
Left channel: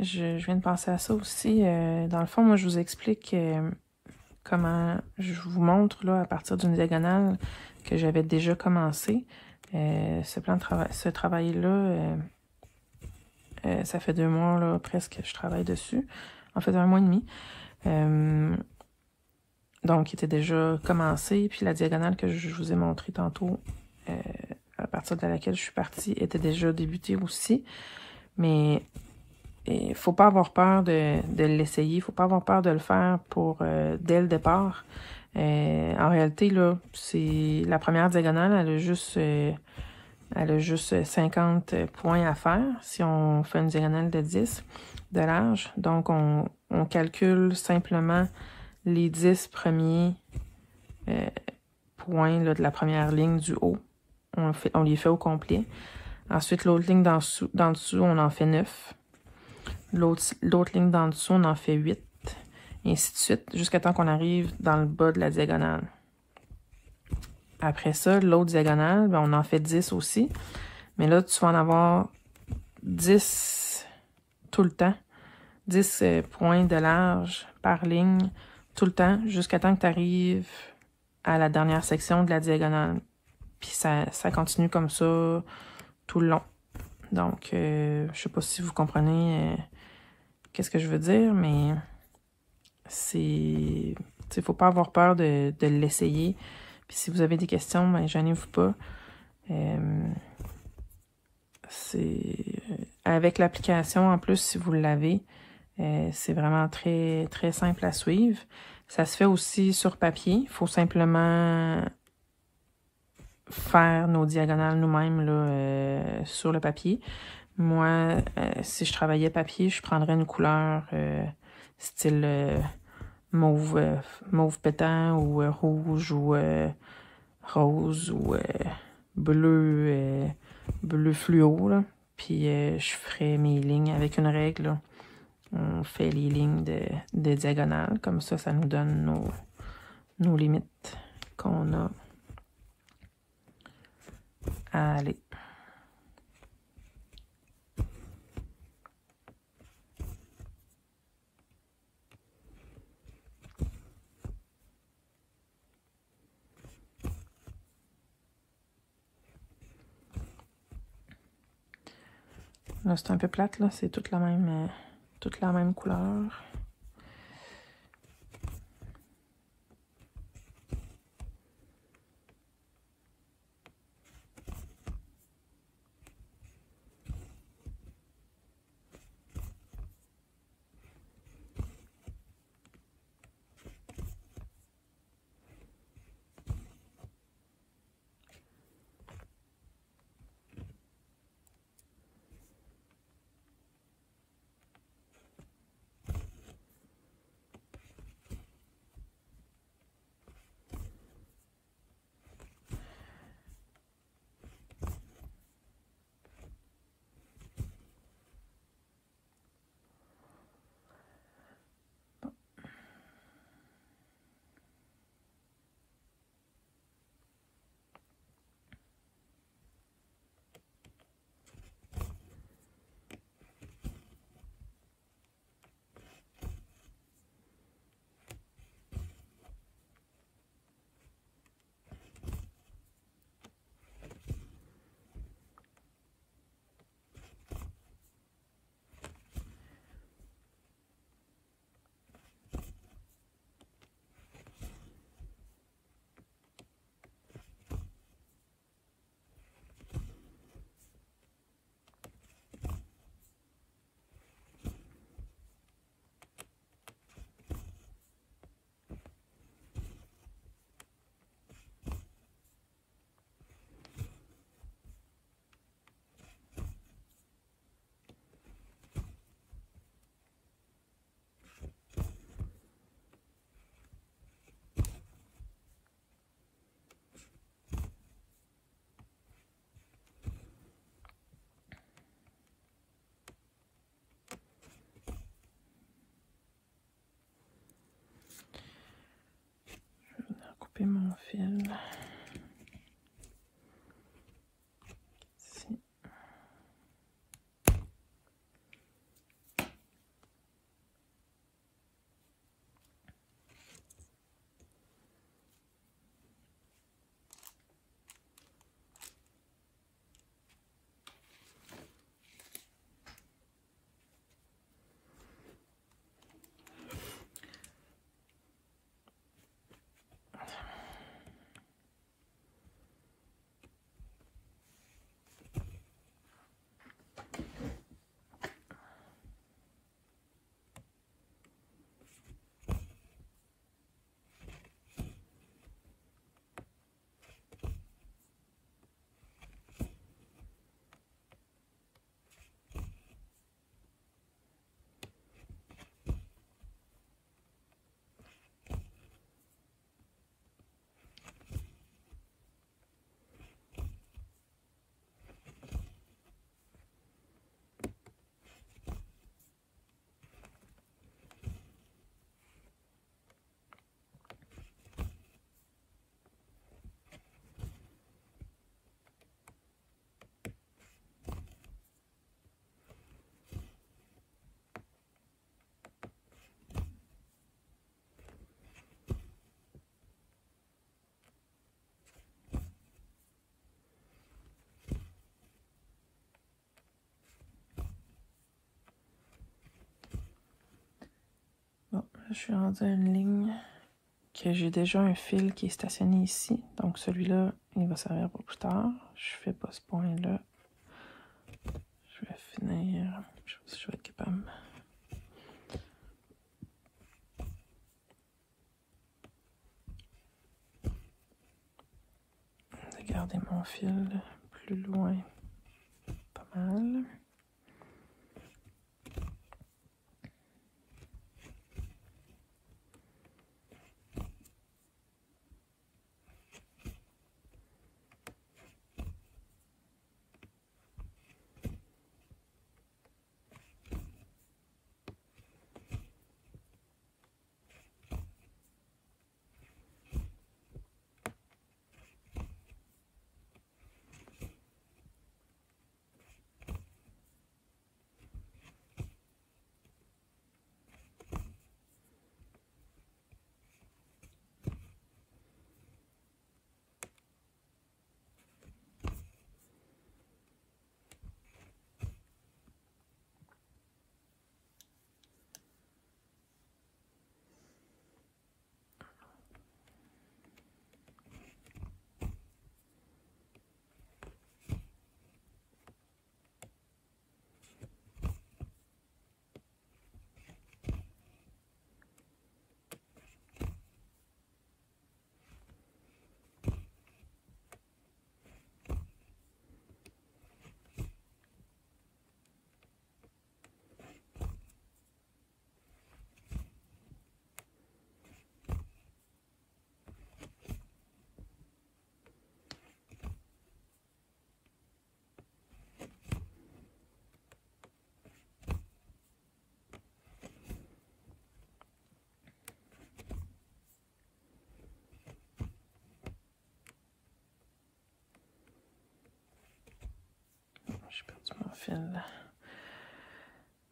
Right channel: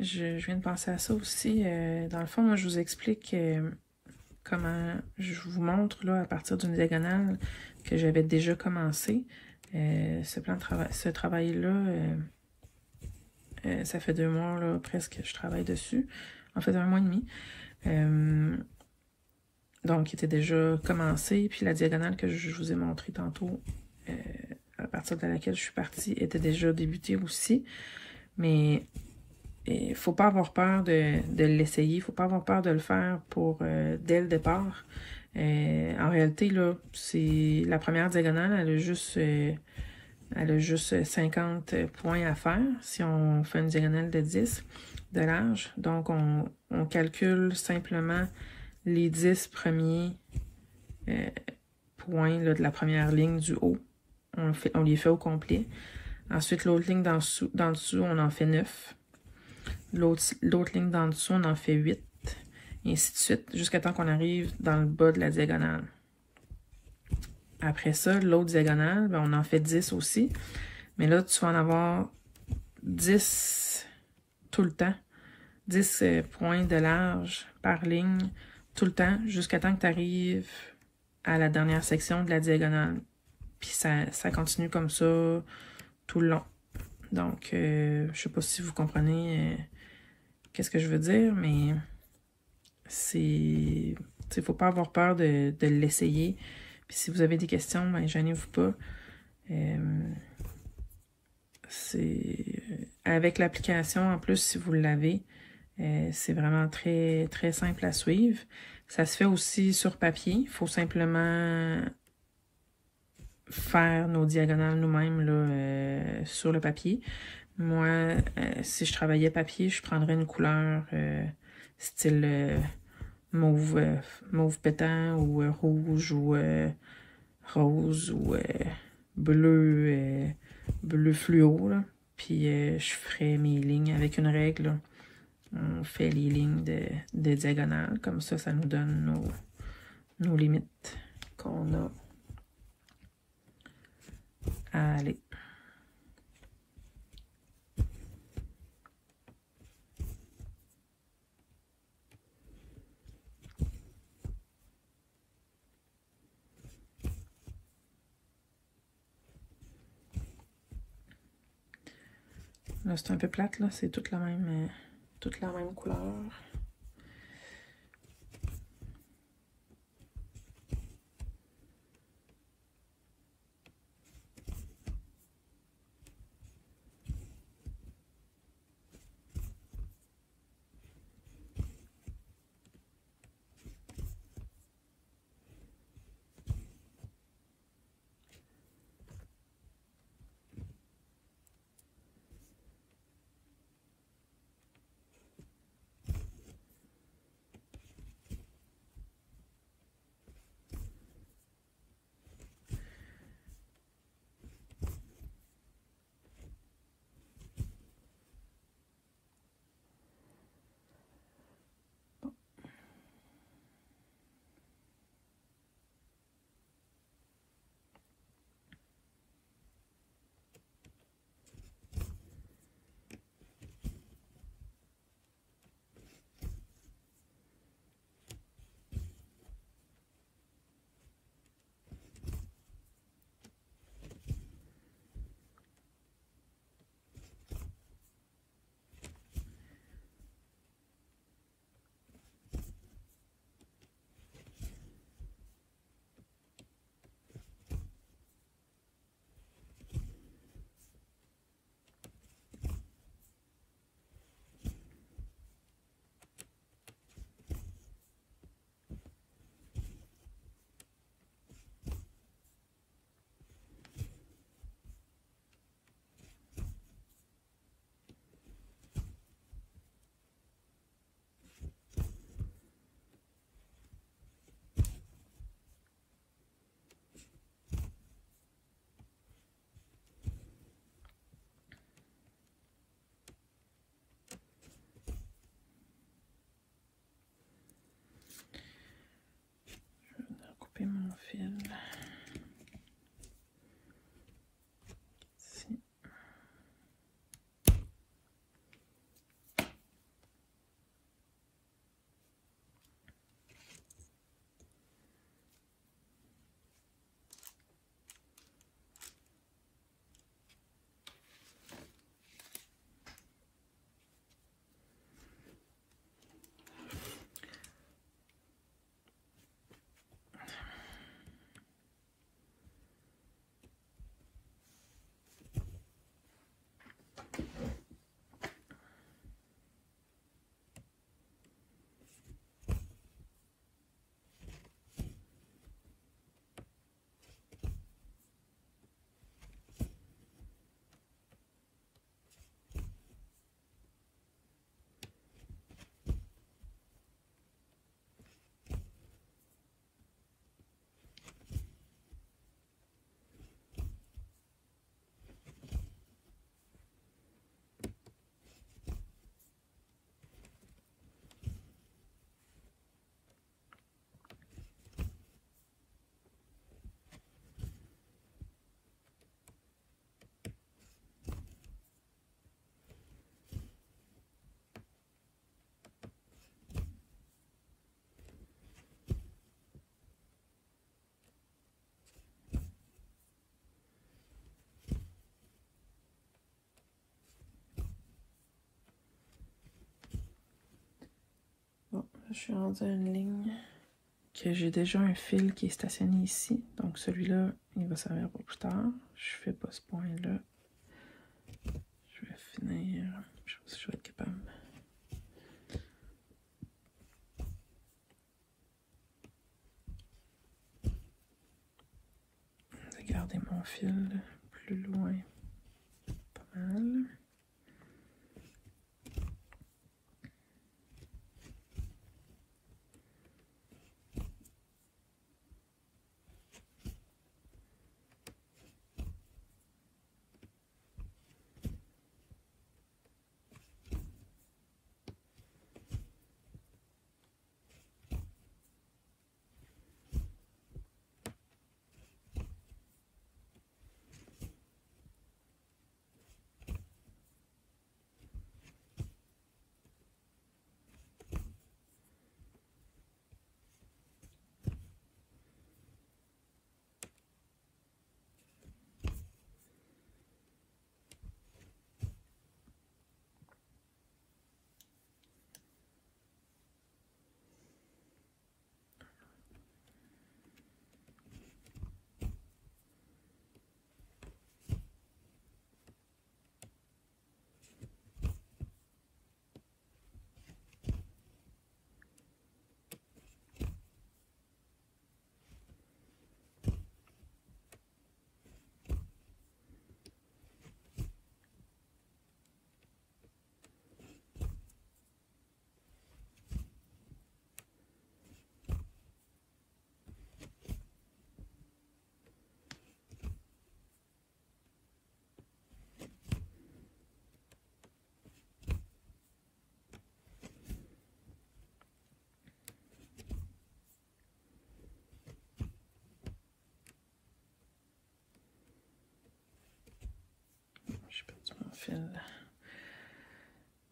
je viens de penser à ça aussi. Dans le fond, moi, je vous explique comment je vous montre là à partir d'une diagonale que j'avais déjà commencé. Ce travail-là, ça fait 2 mois là, presque que je travaille dessus. En fait, 1 mois et demi. Donc, il était déjà commencé. Puis la diagonale que je vous ai montrée tantôt, à partir de laquelle je suis partie, était déjà débutée aussi. Mais il ne faut pas avoir peur de l'essayer. Il ne faut pas avoir peur de le faire pour dès le départ. En réalité, là, c'est la première diagonale, elle a juste 50 points à faire si on fait une diagonale de 10 de large. Donc, on calcule simplement les 10 premiers points là, de la première ligne du haut. On les fait au complet. Ensuite, l'autre ligne d'en dessous, on en fait 9. L'autre ligne d'en dessous, on en fait 8. Et ainsi de suite, jusqu'à temps qu'on arrive dans le bas de la diagonale. Après ça, l'autre diagonale, ben, on en fait 10 aussi. Mais là, tu vas en avoir 10 tout le temps. 10 points de large par ligne tout le temps, jusqu'à temps que tu arrives à la dernière section de la diagonale. Puis ça continue comme ça tout le long. Donc, je sais pas si vous comprenez qu'est-ce que je veux dire, mais il faut pas avoir peur de l'essayer. Puis si vous avez des questions, ben gênez-vous pas. Avec l'application, en plus, si vous l'avez, c'est vraiment très, très simple à suivre. Ça se fait aussi sur papier. Il faut simplement faire nos diagonales nous-mêmes là, sur le papier. Moi, si je travaillais papier, je prendrais une couleur style mauve pétant ou rouge ou rose ou bleu fluo. Là. Puis je ferais mes lignes avec une règle. Là. On fait les lignes de diagonale. Comme ça, ça nous donne nos limites qu'on a à aller. Là, c'est un peu plate, là. C'est toute la même couleur. Mon fil. Ici. Je suis rendue à une ligne que j'ai déjà un fil qui est stationné ici. Donc celui-là, il va servir pour plus tard. Je fais pas ce point-là. Je vais finir. Je sais pas si je vais être capable. De garder mon fil plus loin. Pas mal. J'ai perdu mon fil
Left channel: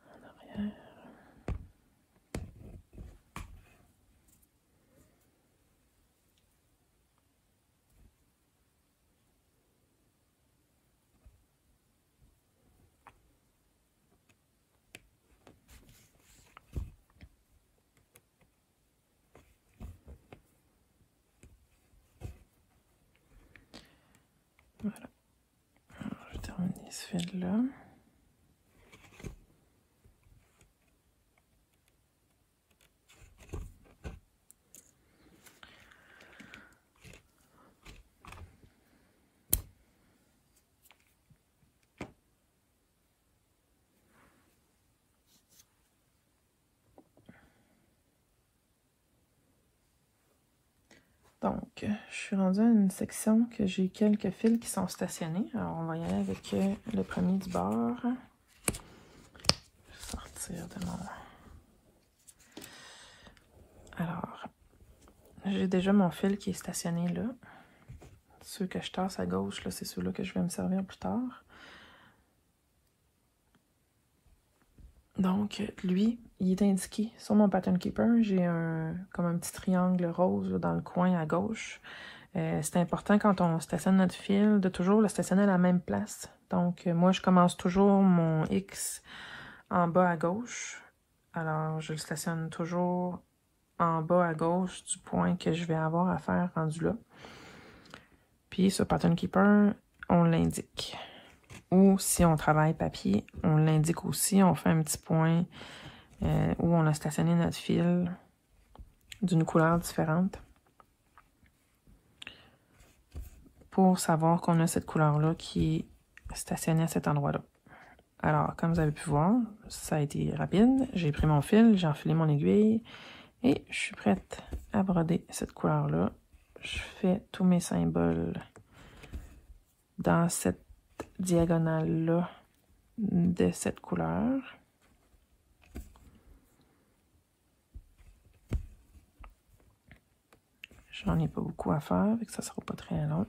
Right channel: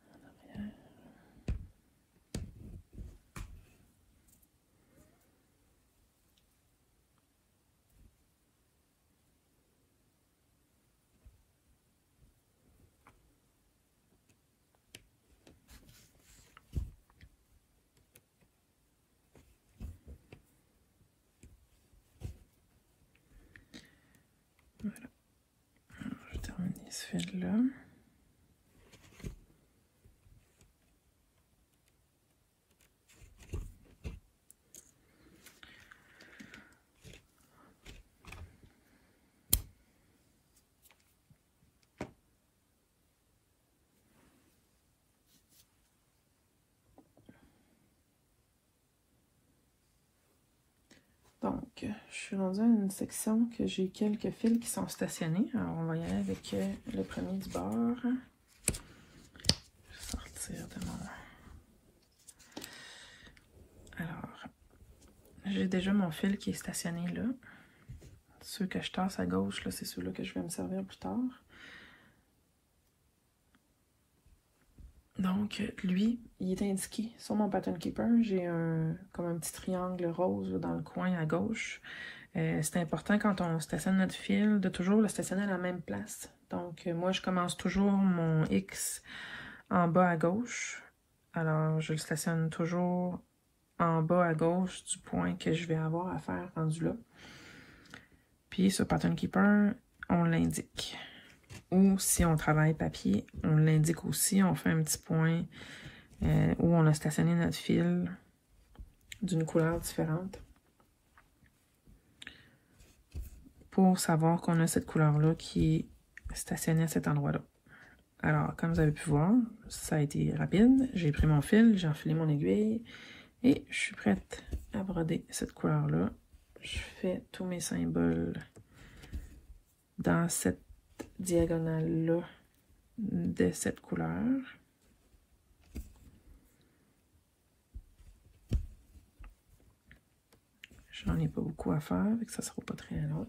en arrière. Voilà. Alors, je vais terminer ce fil-là. Donc, je suis rendue à une section que j'ai quelques fils qui sont stationnés. Alors, on va y aller avec le premier du bord. Sortir de mon... Alors, j'ai déjà mon fil qui est stationné là. Ceux que je tasse à gauche, là, c'est ceux-là que je vais me servir plus tard. Donc, lui, il est indiqué sur mon pattern keeper. J'ai comme un petit triangle rose là, dans le coin à gauche. C'est important quand on stationne notre fil de toujours le stationner à la même place. Donc, moi, je commence toujours mon X en bas à gauche. Alors, je le stationne toujours en bas à gauche du point que je vais avoir à faire rendu là. Puis, sur pattern keeper, on l'indique. Ou si on travaille papier, on l'indique aussi. On fait un petit point où on a stationné notre fil d'une couleur différente. Pour savoir qu'on a cette couleur-là qui est stationnée à cet endroit-là. Alors, comme vous avez pu voir, ça a été rapide. J'ai pris mon fil, j'ai enfilé mon aiguille et je suis prête à broder cette couleur-là. Je fais tous mes symboles dans cette diagonale-là de cette couleur. J'en ai pas beaucoup à faire, donc ça sera pas très long.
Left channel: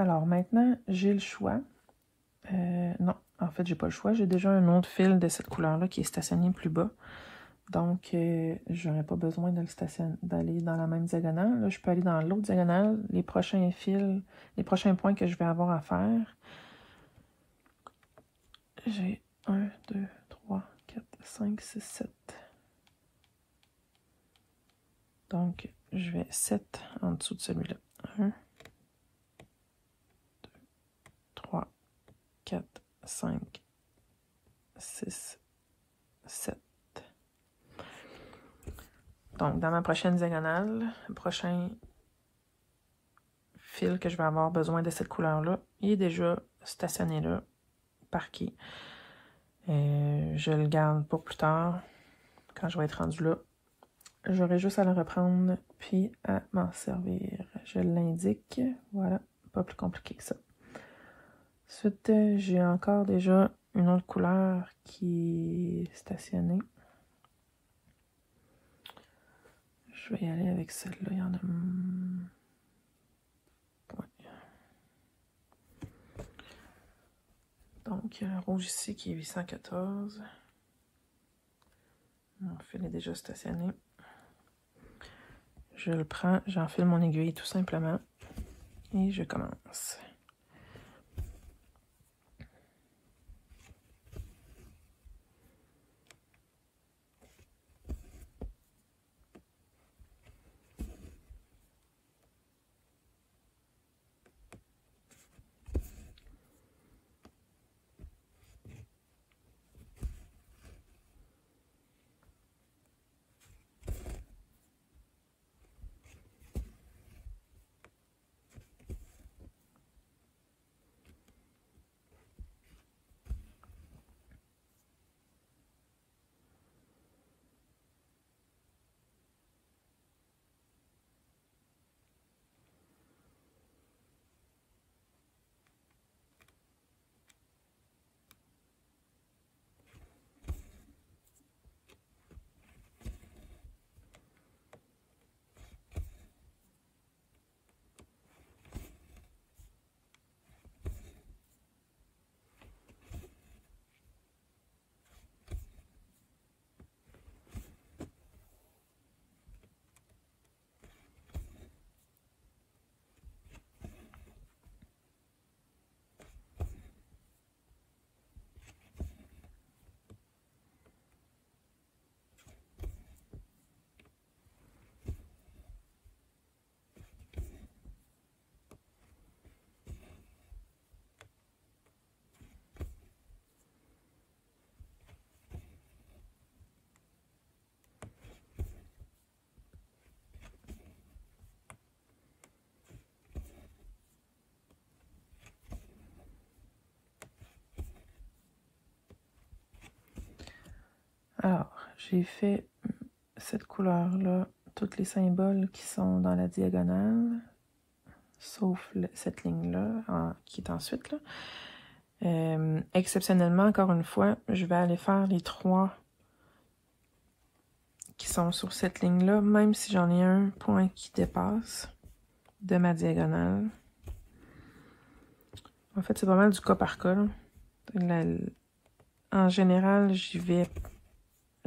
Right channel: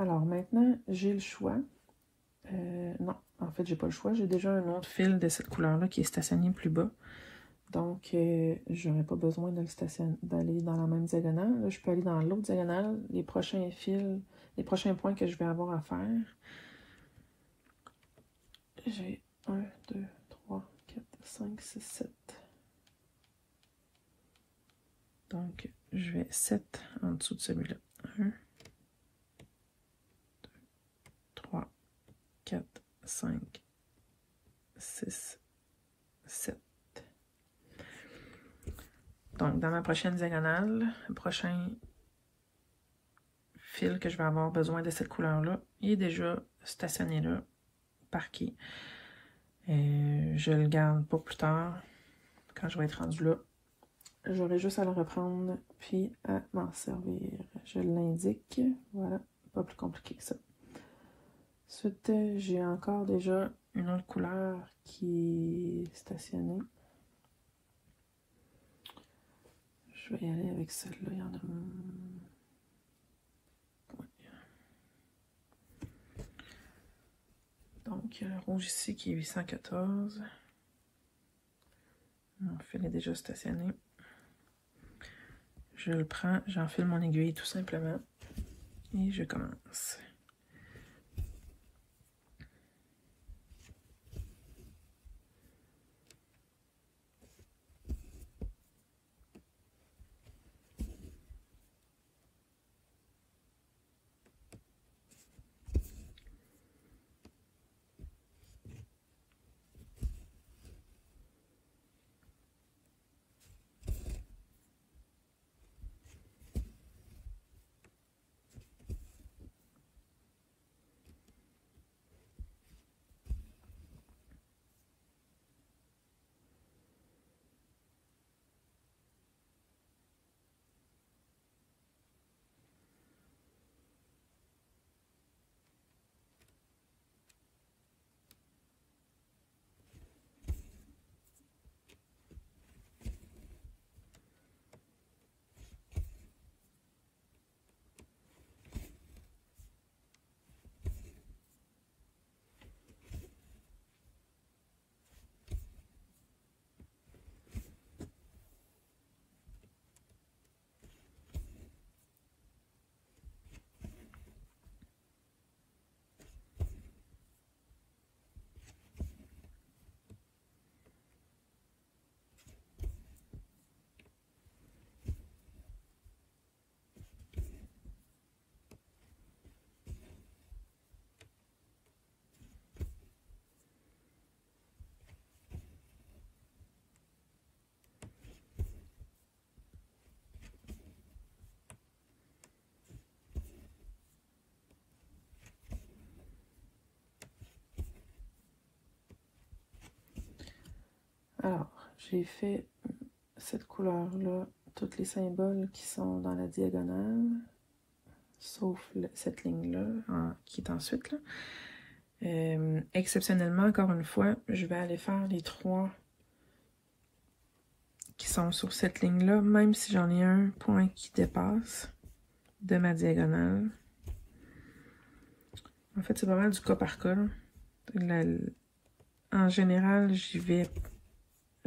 Alors maintenant, j'ai le choix. Non, en fait, j'ai pas le choix. J'ai déjà un autre fil de cette couleur-là qui est stationné plus bas. Donc, j'aurais pas besoin de d'aller dans la même diagonale. Là, je peux aller dans l'autre diagonale. Les prochains fils, les prochains points que je vais avoir à faire. J'ai 1, 2, 3, 4, 5, 6, 7. Donc, je vais 7 en dessous de celui-là. 1, 2, 3, 4, 5, 6, 7. Donc, dans ma prochaine diagonale, le prochain fil que je vais avoir besoin de cette couleur-là, il est déjà stationné là, parqué. Je le garde pour plus tard, quand je vais être rendu là. J'aurai juste à le reprendre, puis à m'en servir. Je l'indique, voilà, pas plus compliqué que ça. Ensuite, j'ai encore déjà une autre couleur qui est stationnée. Je vais y aller avec celle-là, il y en a... Donc, il y a le rouge ici qui est 814. Mon fil est déjà stationné. Je le prends, j'enfile mon aiguille tout simplement et je commence. Alors, j'ai fait cette couleur-là, tous les symboles qui sont dans la diagonale, sauf cette ligne-là, qui est ensuite là. Exceptionnellement, encore une fois, je vais aller faire les 3 qui sont sur cette ligne-là, même si j'en ai un point qui dépasse de ma diagonale. En fait, c'est pas mal du cas par cas. En général, j'y vais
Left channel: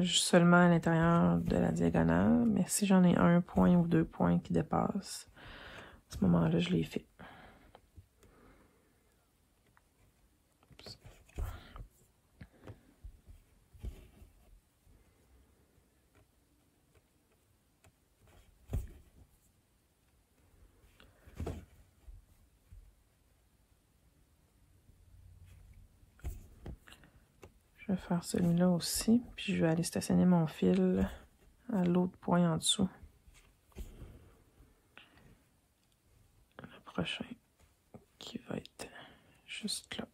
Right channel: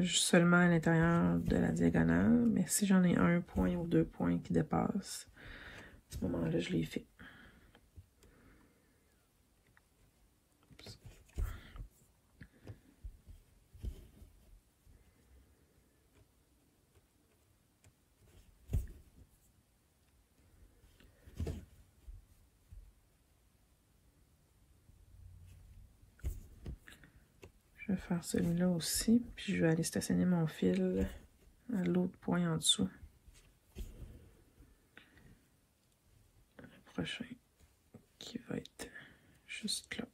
seulement à l'intérieur de la diagonale, mais si j'en ai un point ou 2 points qui dépassent, à ce moment-là, je l'ai fait. Je vais faire celui-là aussi, puis je vais aller stationner mon fil à l'autre point en dessous. Le prochain qui va être juste là.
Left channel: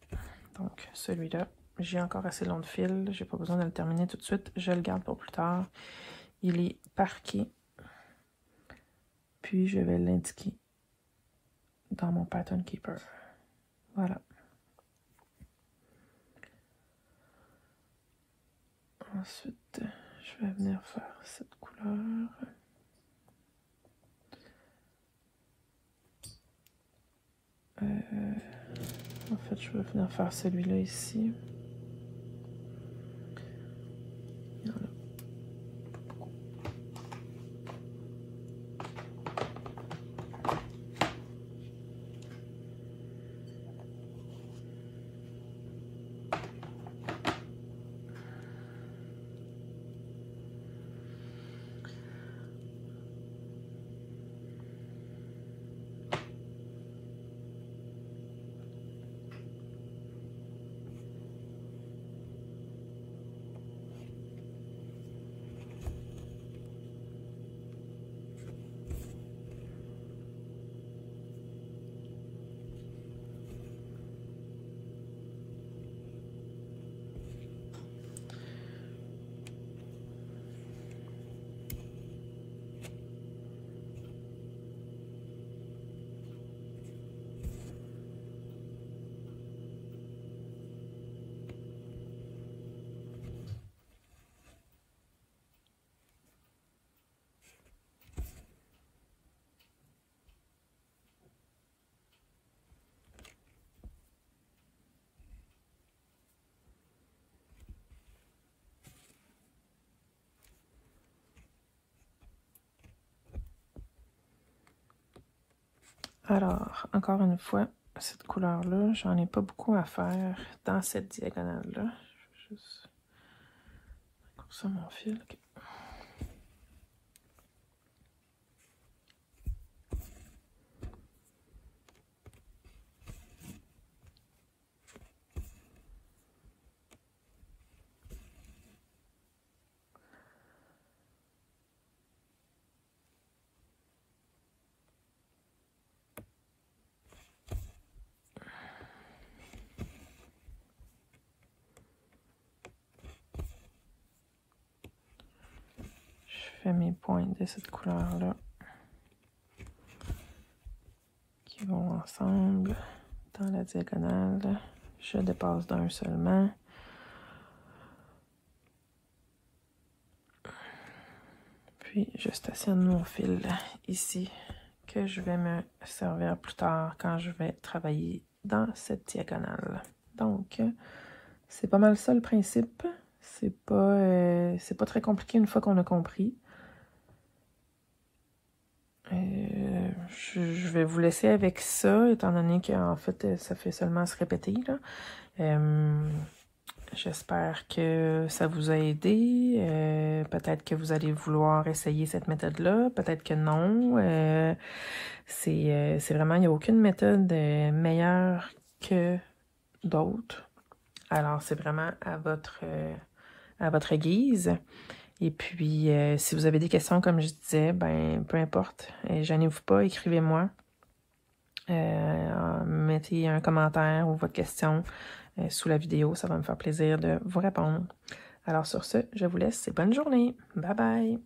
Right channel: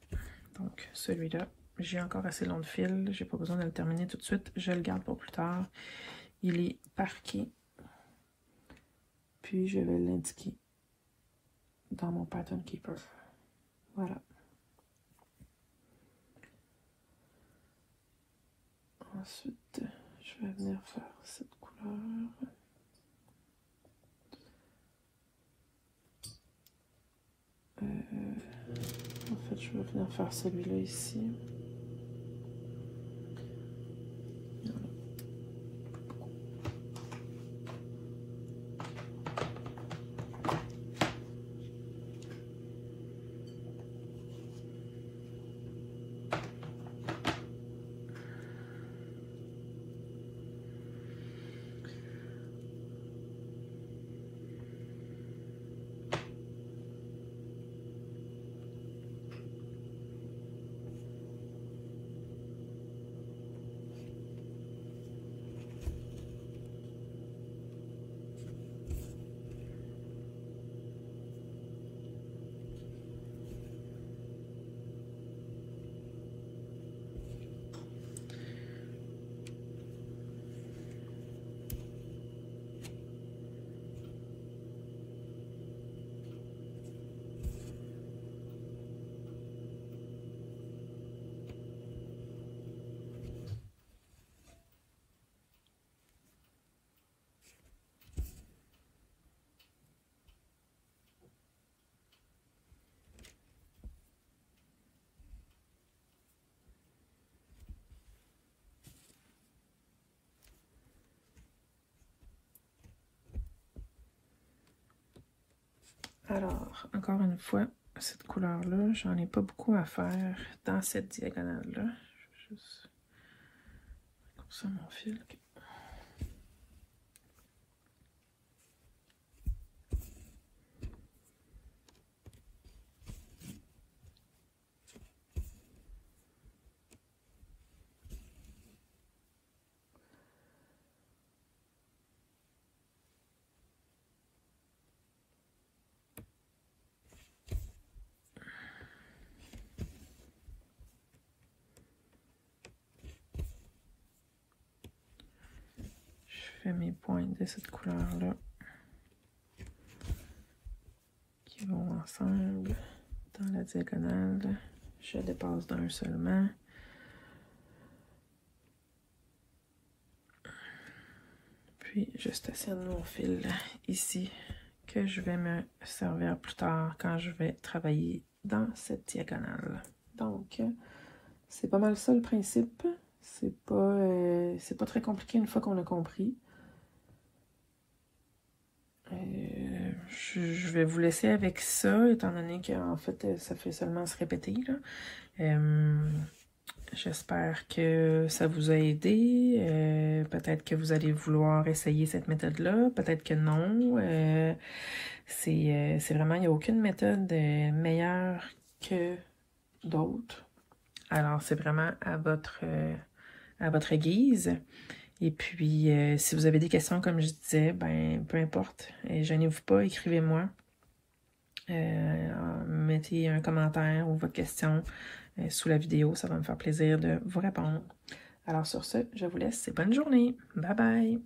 Donc celui-là, j'ai encore assez long de fil, j'ai pas besoin de le terminer tout de suite, je le garde pour plus tard. Il est parqué, puis je vais l'indiquer dans mon Pattern Keeper. Voilà. Ensuite, je vais venir faire cette couleur. En fait, je vais venir faire celui-là ici. Voilà. Alors, encore une fois, cette couleur-là, j'en ai pas beaucoup à faire dans cette diagonale-là. Je vais juste couper ça mon fil. Okay. Je fais mes pointes de cette couleur-là qui vont ensemble dans la diagonale. Je dépasse d'un seulement. Puis je stationne mon fil ici que je vais me servir plus tard quand je vais travailler dans cette diagonale. Donc, c'est pas mal ça le principe. C'est pas très compliqué une fois qu'on a compris. Je vais vous laisser avec ça, étant donné qu'en fait, ça fait seulement se répéter, là. J'espère que ça vous a aidé. Peut-être que vous allez vouloir essayer cette méthode-là. Peut-être que non. C'est vraiment, il n'y a aucune méthode meilleure que d'autres. Alors, c'est vraiment à votre guise. Et puis, si vous avez des questions, comme je disais, ben peu importe, gênez-vous pas, écrivez-moi. Mettez un commentaire ou votre question sous la vidéo, ça va me faire plaisir de vous répondre. Alors sur ce, je vous laisse et bonne journée. Bye bye!